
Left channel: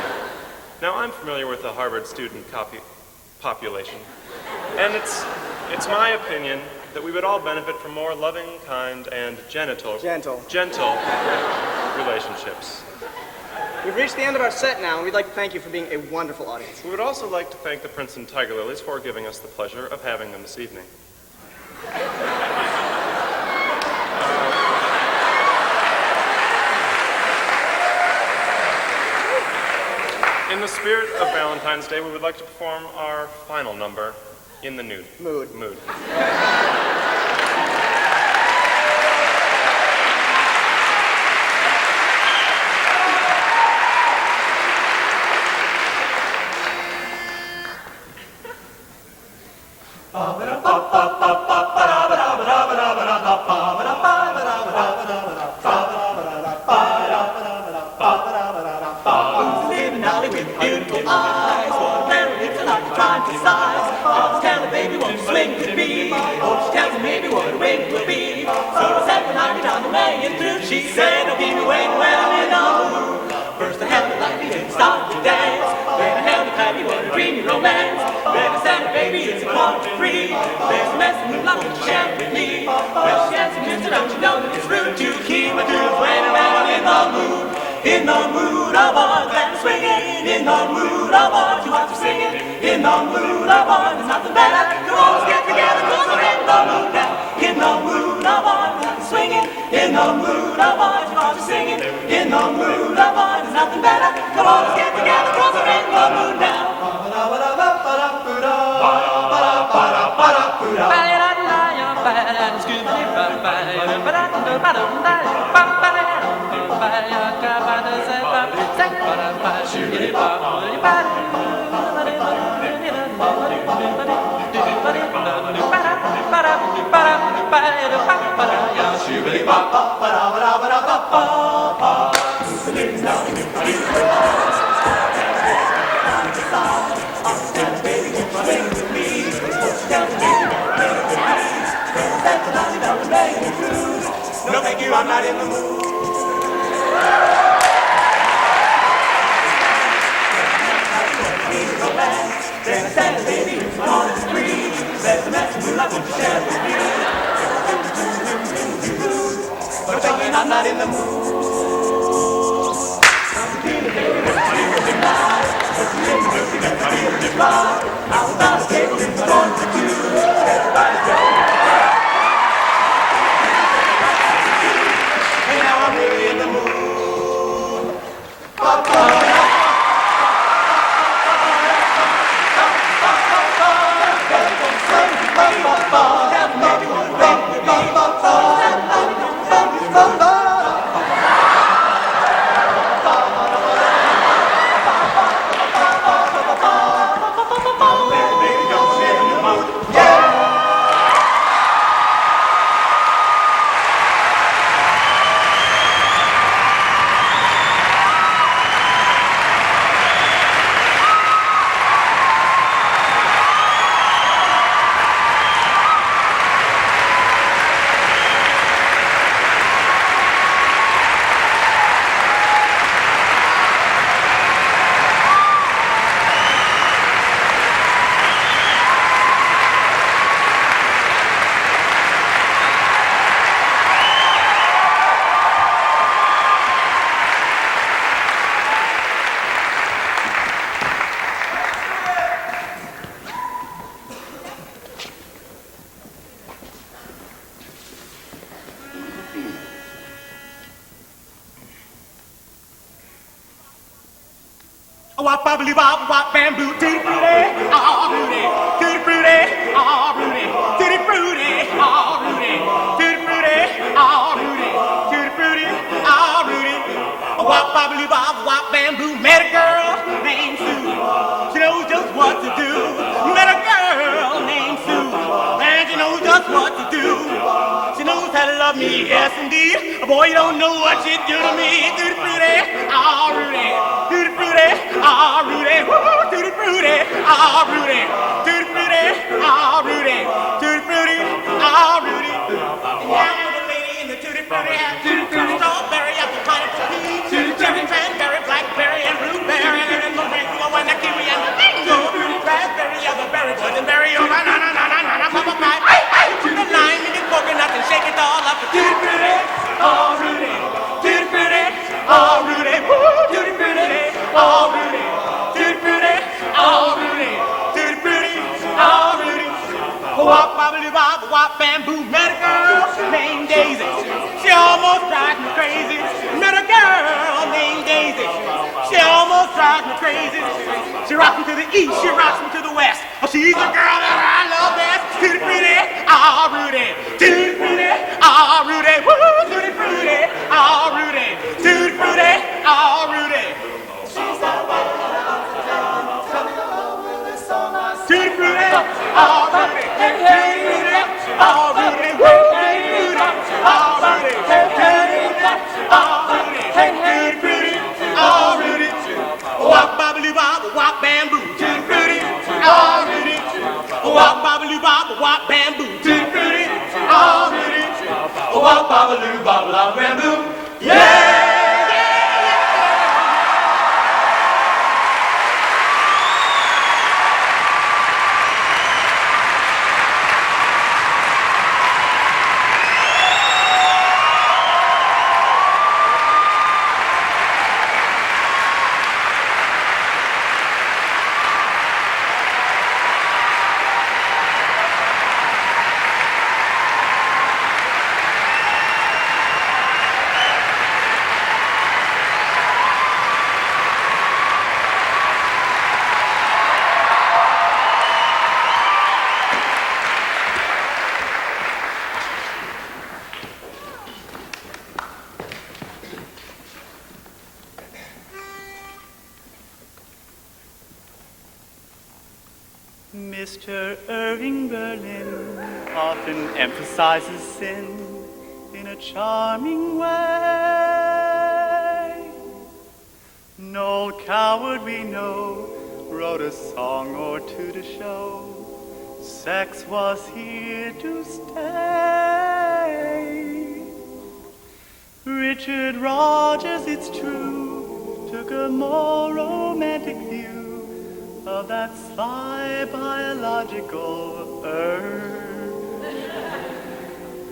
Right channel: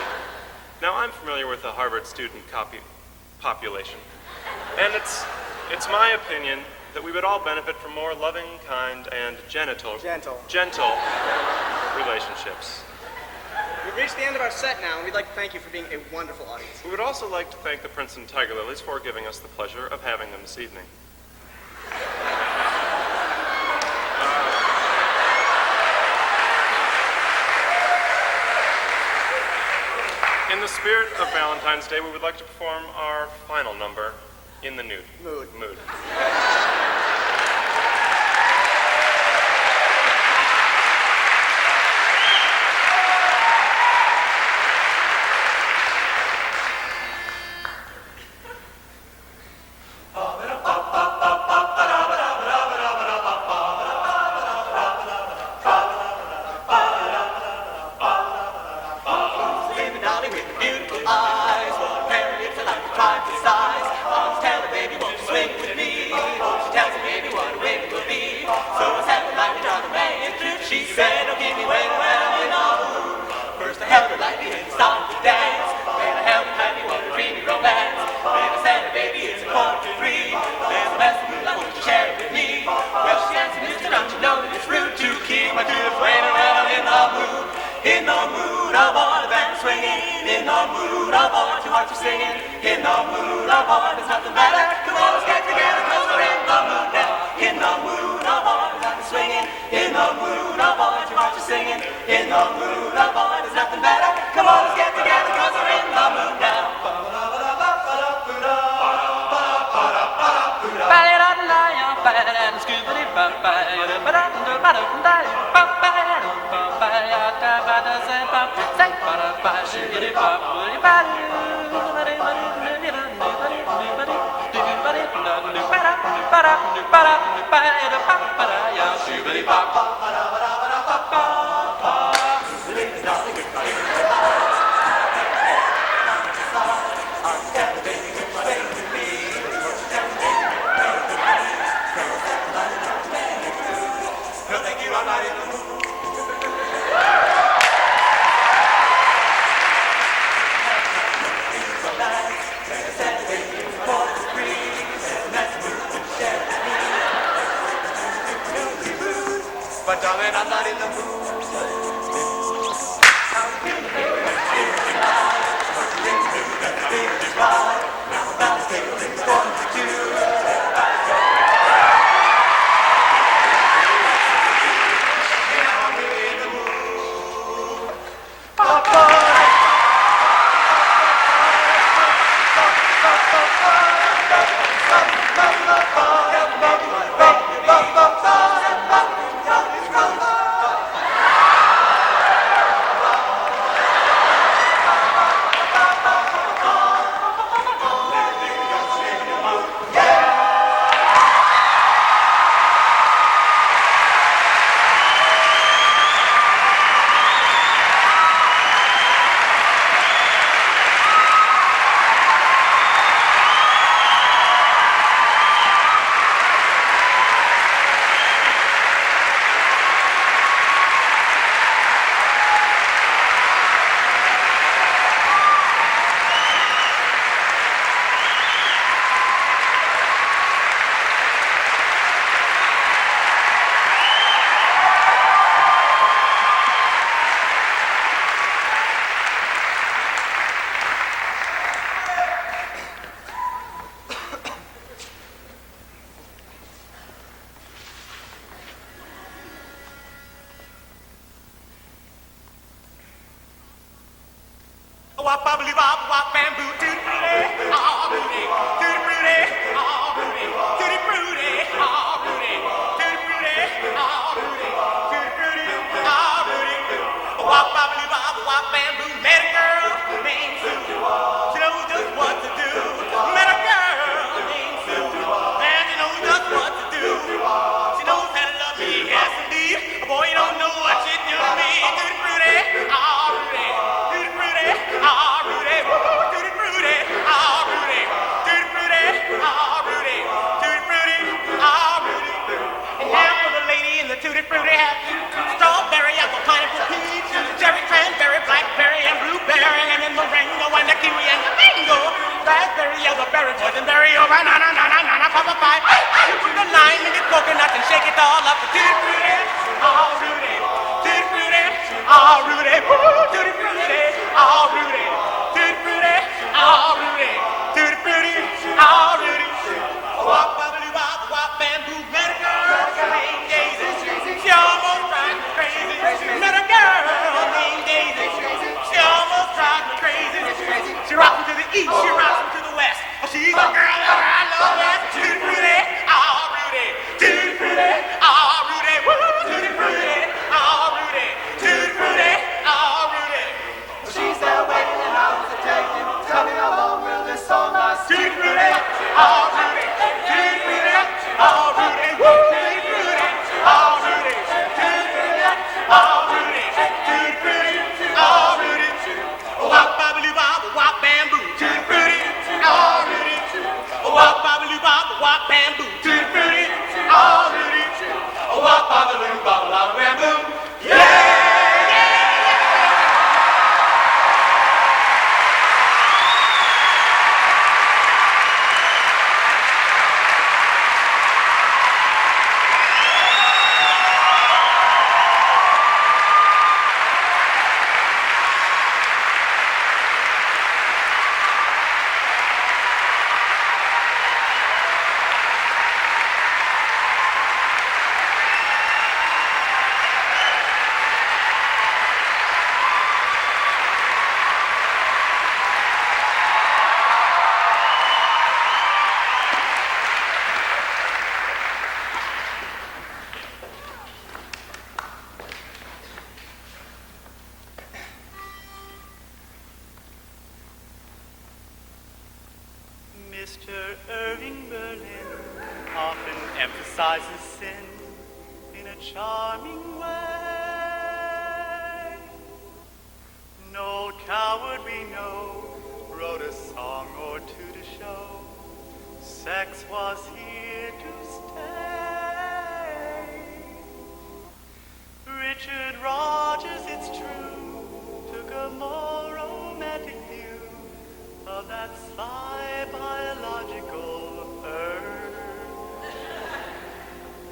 Now, I'm familiar with the Harvard student population, and it's my opinion that we would all benefit from more loving, kind, and gentle relationships. we've reached the end of our set now, and we'd like to thank you for being a wonderful audience. We would also like to thank the Princeton Tiger Lilies for giving us the pleasure of having them this evening. In the spirit of Valentine's Day, we would like to perform our final number, In the Nude. Mood. Wop bobbly bop wop bamboo tutti frutti, ah fruity, tutti frutti, ah fruity, tutti frutti, ah fruity, tutti frutti, ah fruity, tutti frutti, ah fruity. Wop bobbly bop wop bamboo met a girl named Sue. She knows just what to do. Met a girl named Sue, and she knows just what to do. She knows how to love me, yes indeed. Boy, you don't know what you do to me. Tutti frutti, ah fruity. Tutti frutti, ah fruity, tutti frutti, ah fruity, tutti frutti, ah fruity, tutti frutti, ah fruity. And now the lady in the tutti frutti hat, tutti frutti, strawberry, apple pie, tutti frutti, cranberry, blackberry, and blueberry, and the rainbow and the key, and the mango, raspberry, elderberry, boysenberry, oh my, tutti frutti, coconut and cherry all up, tutti frutti, ah fruity, tutti frutti, ah fruity, tutti frutti. All Rudy, tutti frutti, all Rudy, tutti frutti, all Rudy. Wop bobbly bop wop bamboo met a girl named Daisy. She almost drives me crazy. Met a girl named Daisy. She almost drives me crazy. She rocks me to the east, she rocks me to the west. She's the girl that I love best. Tutti frutti, all Rudy, tutti frutti, all Rudy, tutti frutti, all Rudy, tutti frutti, all Rudy. She's there waiting out to take me. Tell me how long will this song last? Tutti frutti, all Rudy, hey hey, all Rudy, hey hey, all Rudy, hey hey, all Rudy, hey hey, all Rudy. Wop bobbly bop wop bamboo, tutti frutti, all Rudy. Wop bobbly bop wop bamboo, tutti frutti, all Rudy. Wop bobbaloo bobble up bamboo. Yeah! Mr. Irving Berlin often emphasizes sin in a charming way. No coward we know wrote a song or two to show sex was here to stay. Richard Rogers, it's true, took a more romantic view of that spy biological Earth.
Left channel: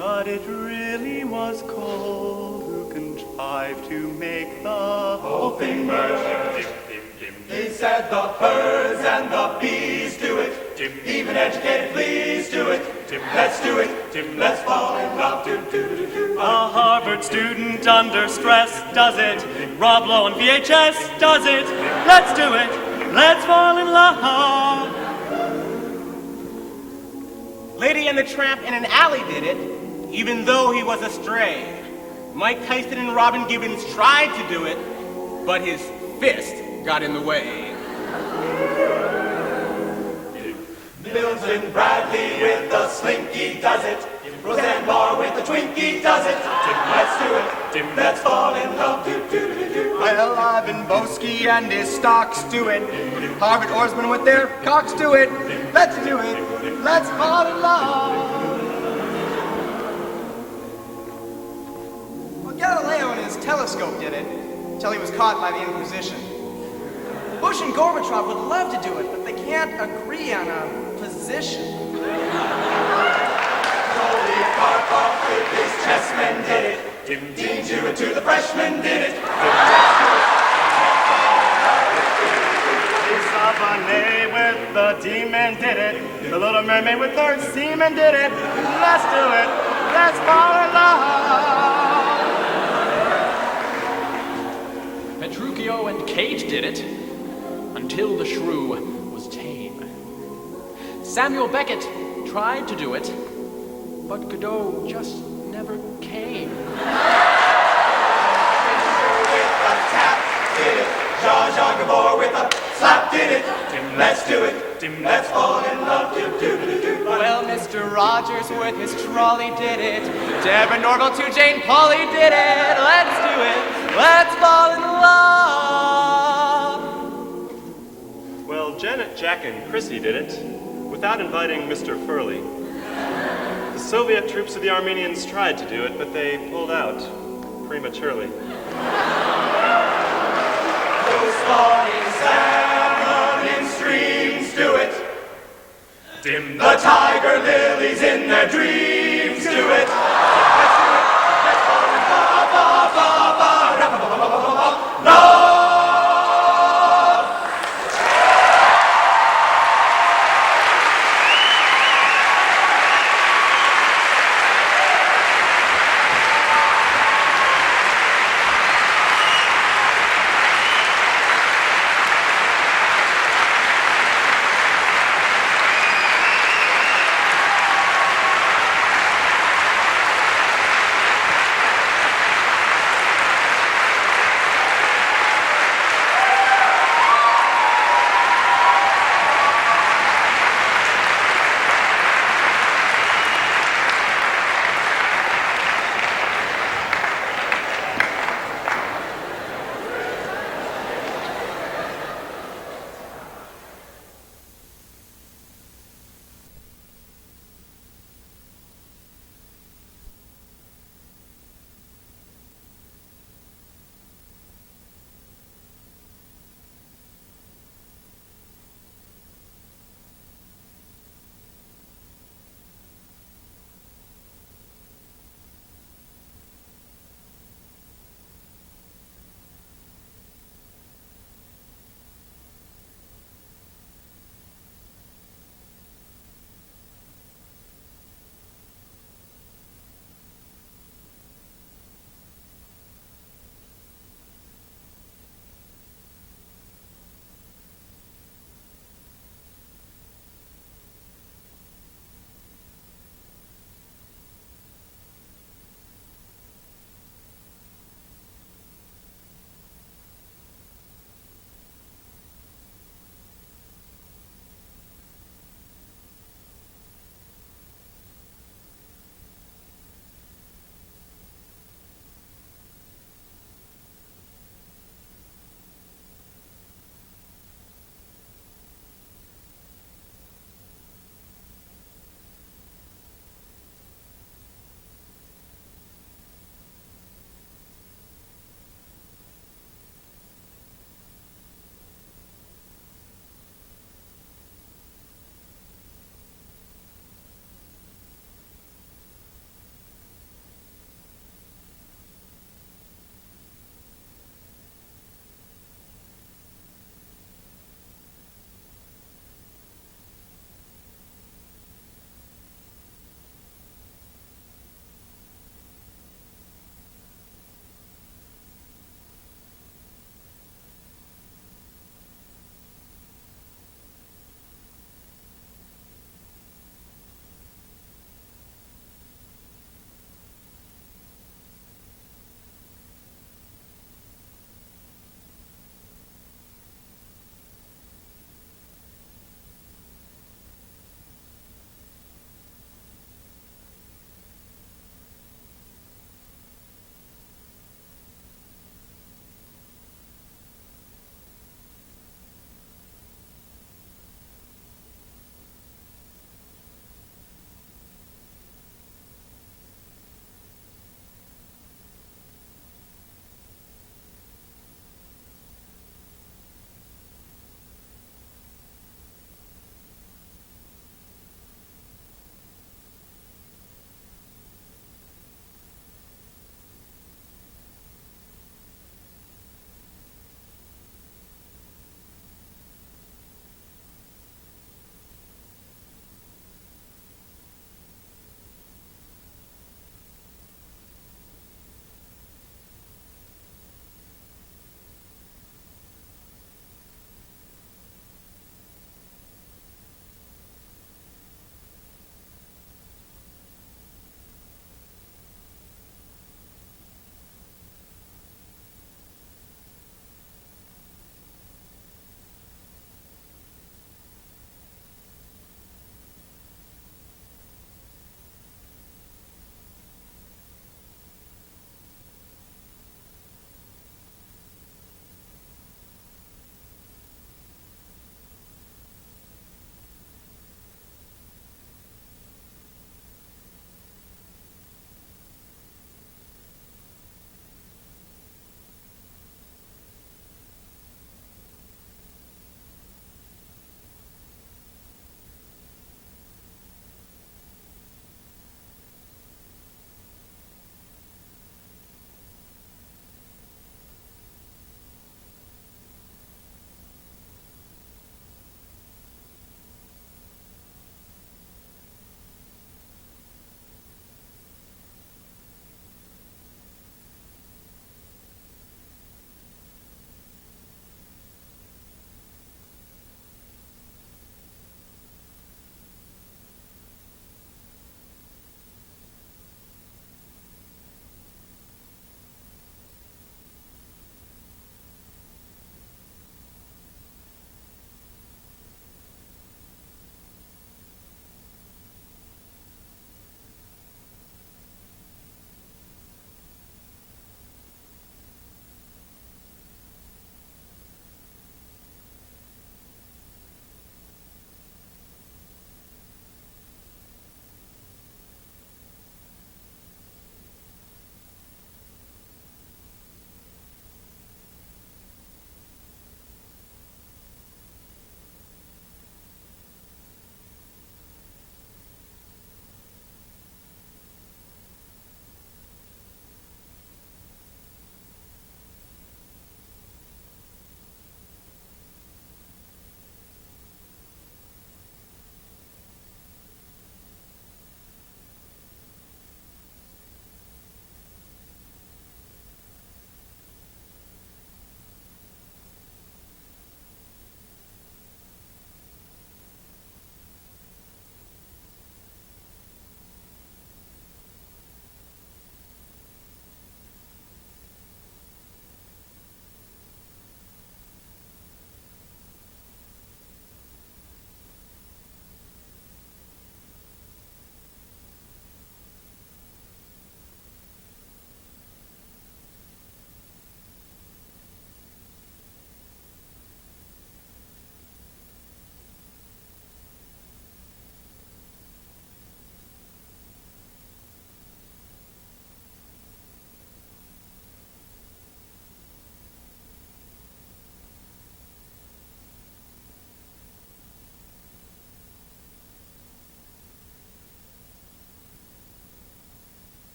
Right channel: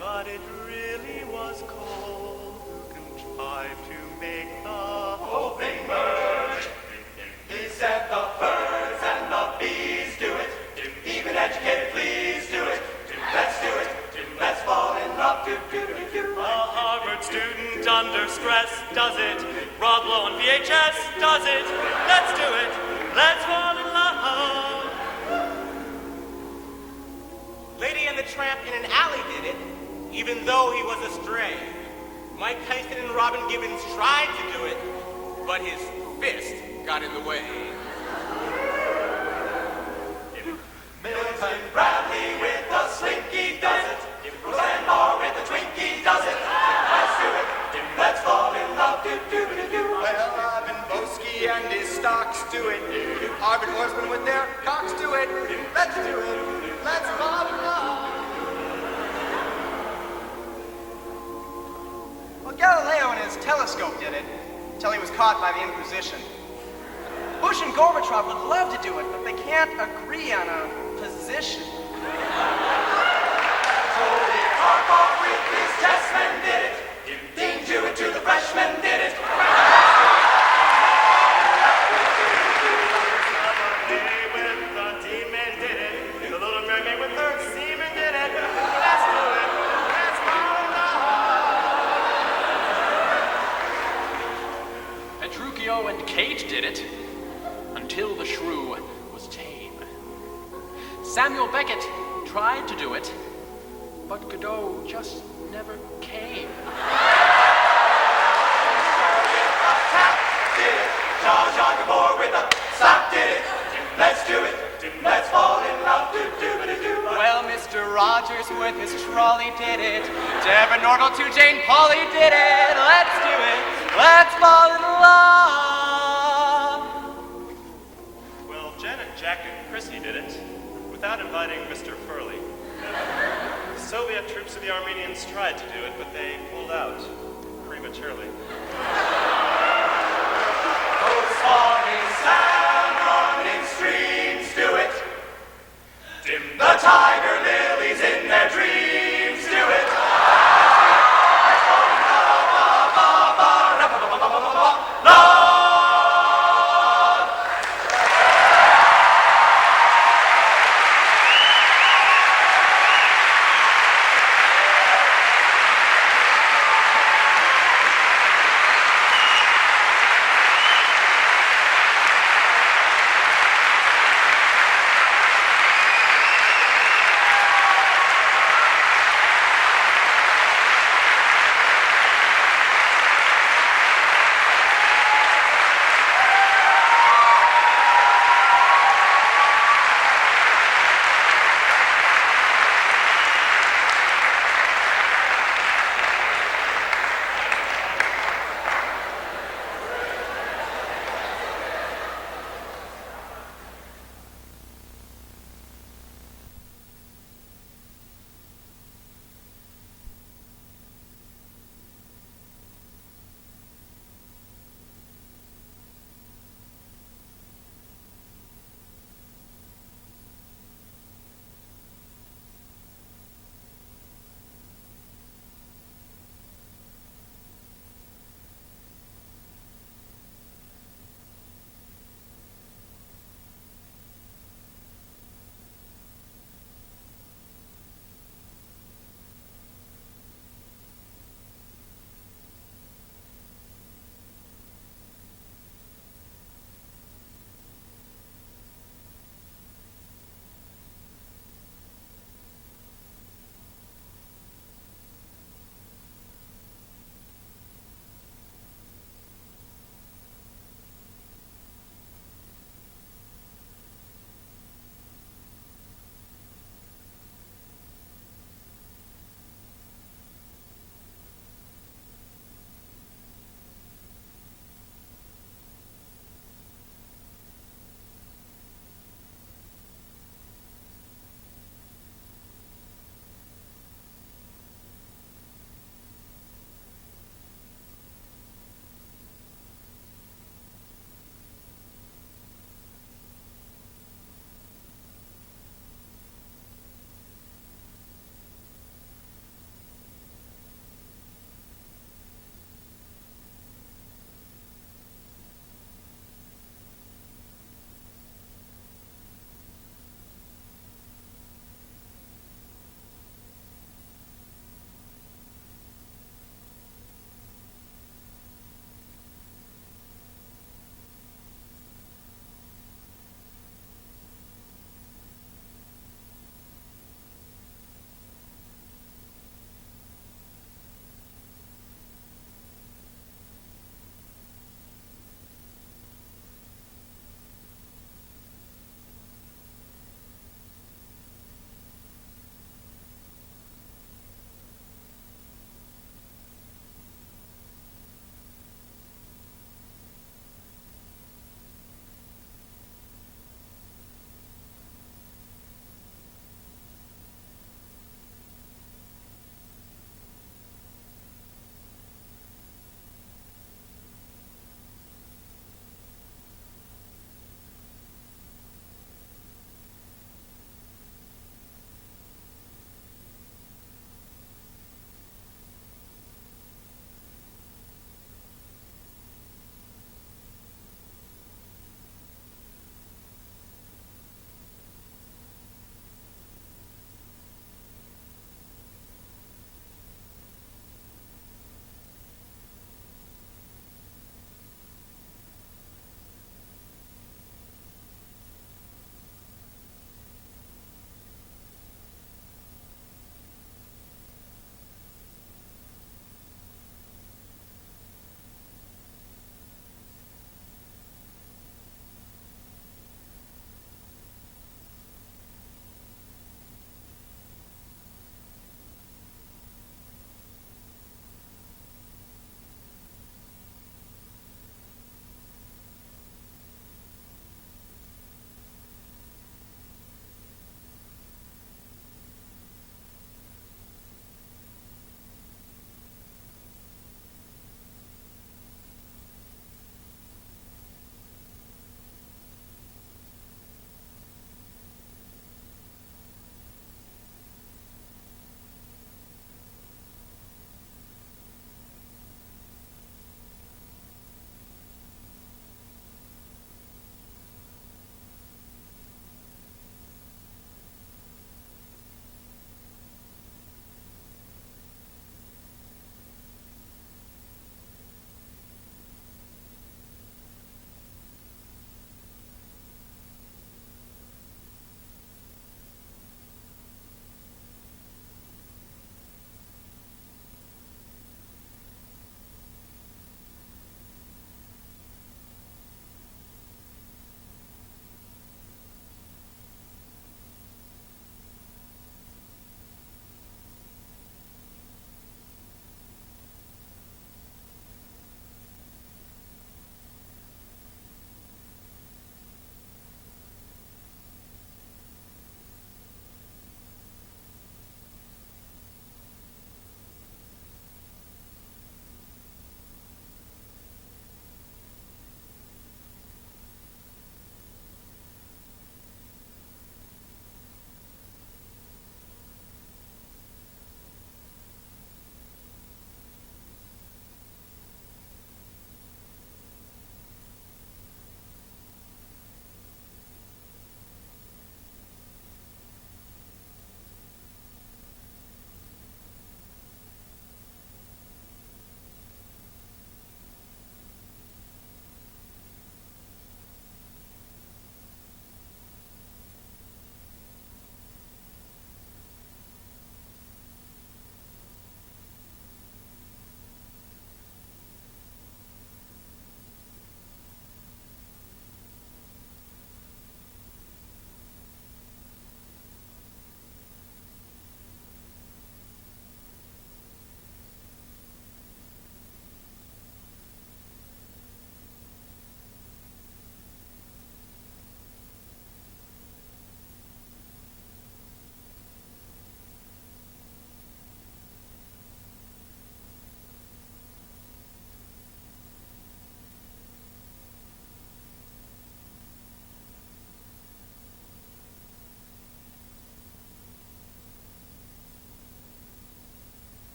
But it really was Cole who contrived to make the whole thing merge. He said the birds and the bees do it. Even educated fleas do it. Let's do it. Let's fall in love. A Harvard student under stress does it. Rob Lowe on VHS does it. Let's do it. Let's fall in love. Lady and the Tramp in an alley did it, even though he was a stray. Mike Tyson and Robin Gibbons tried to do it, but his fist got in the way. Milton Bradley with the slinky does it. Roseanne Barr with the Twinkie does it. Let's do it. Let's fall in love. Well, Ivan Boesky and his stocks do it. Harvard oarsmen with their cocks do it. Let's do it. Let's fall in love. Well, Galileo and his telescope did it until he was caught by the Inquisition. Bush and Gorbachev would love to do it, but they can't agree on a position. Karpov with his chessmen did it. Dean Jewett to the freshmen did it. With the demon did it. The Little Mermaid with their seamen did it. Let's do it. Let's fall in love. Petruchio and Cage did it. Samuel Beckett tried to do it, but Godot just never came. Jean Gabor with a slap did it. Let's do it. Let's fall in love. Well, Mr. Rogers with Miss Trolley did it. Deborah Norville to Jane Pauley did it. Let's do it. Let's fall in love. Well, Janet, Jack, and Chrissy did it without inviting Mr. Furley. The Soviet troops of the Armenians tried to do it, but they pulled out prematurely. Salmon in streams do it. Dim the tiger lilies in their dreams do it.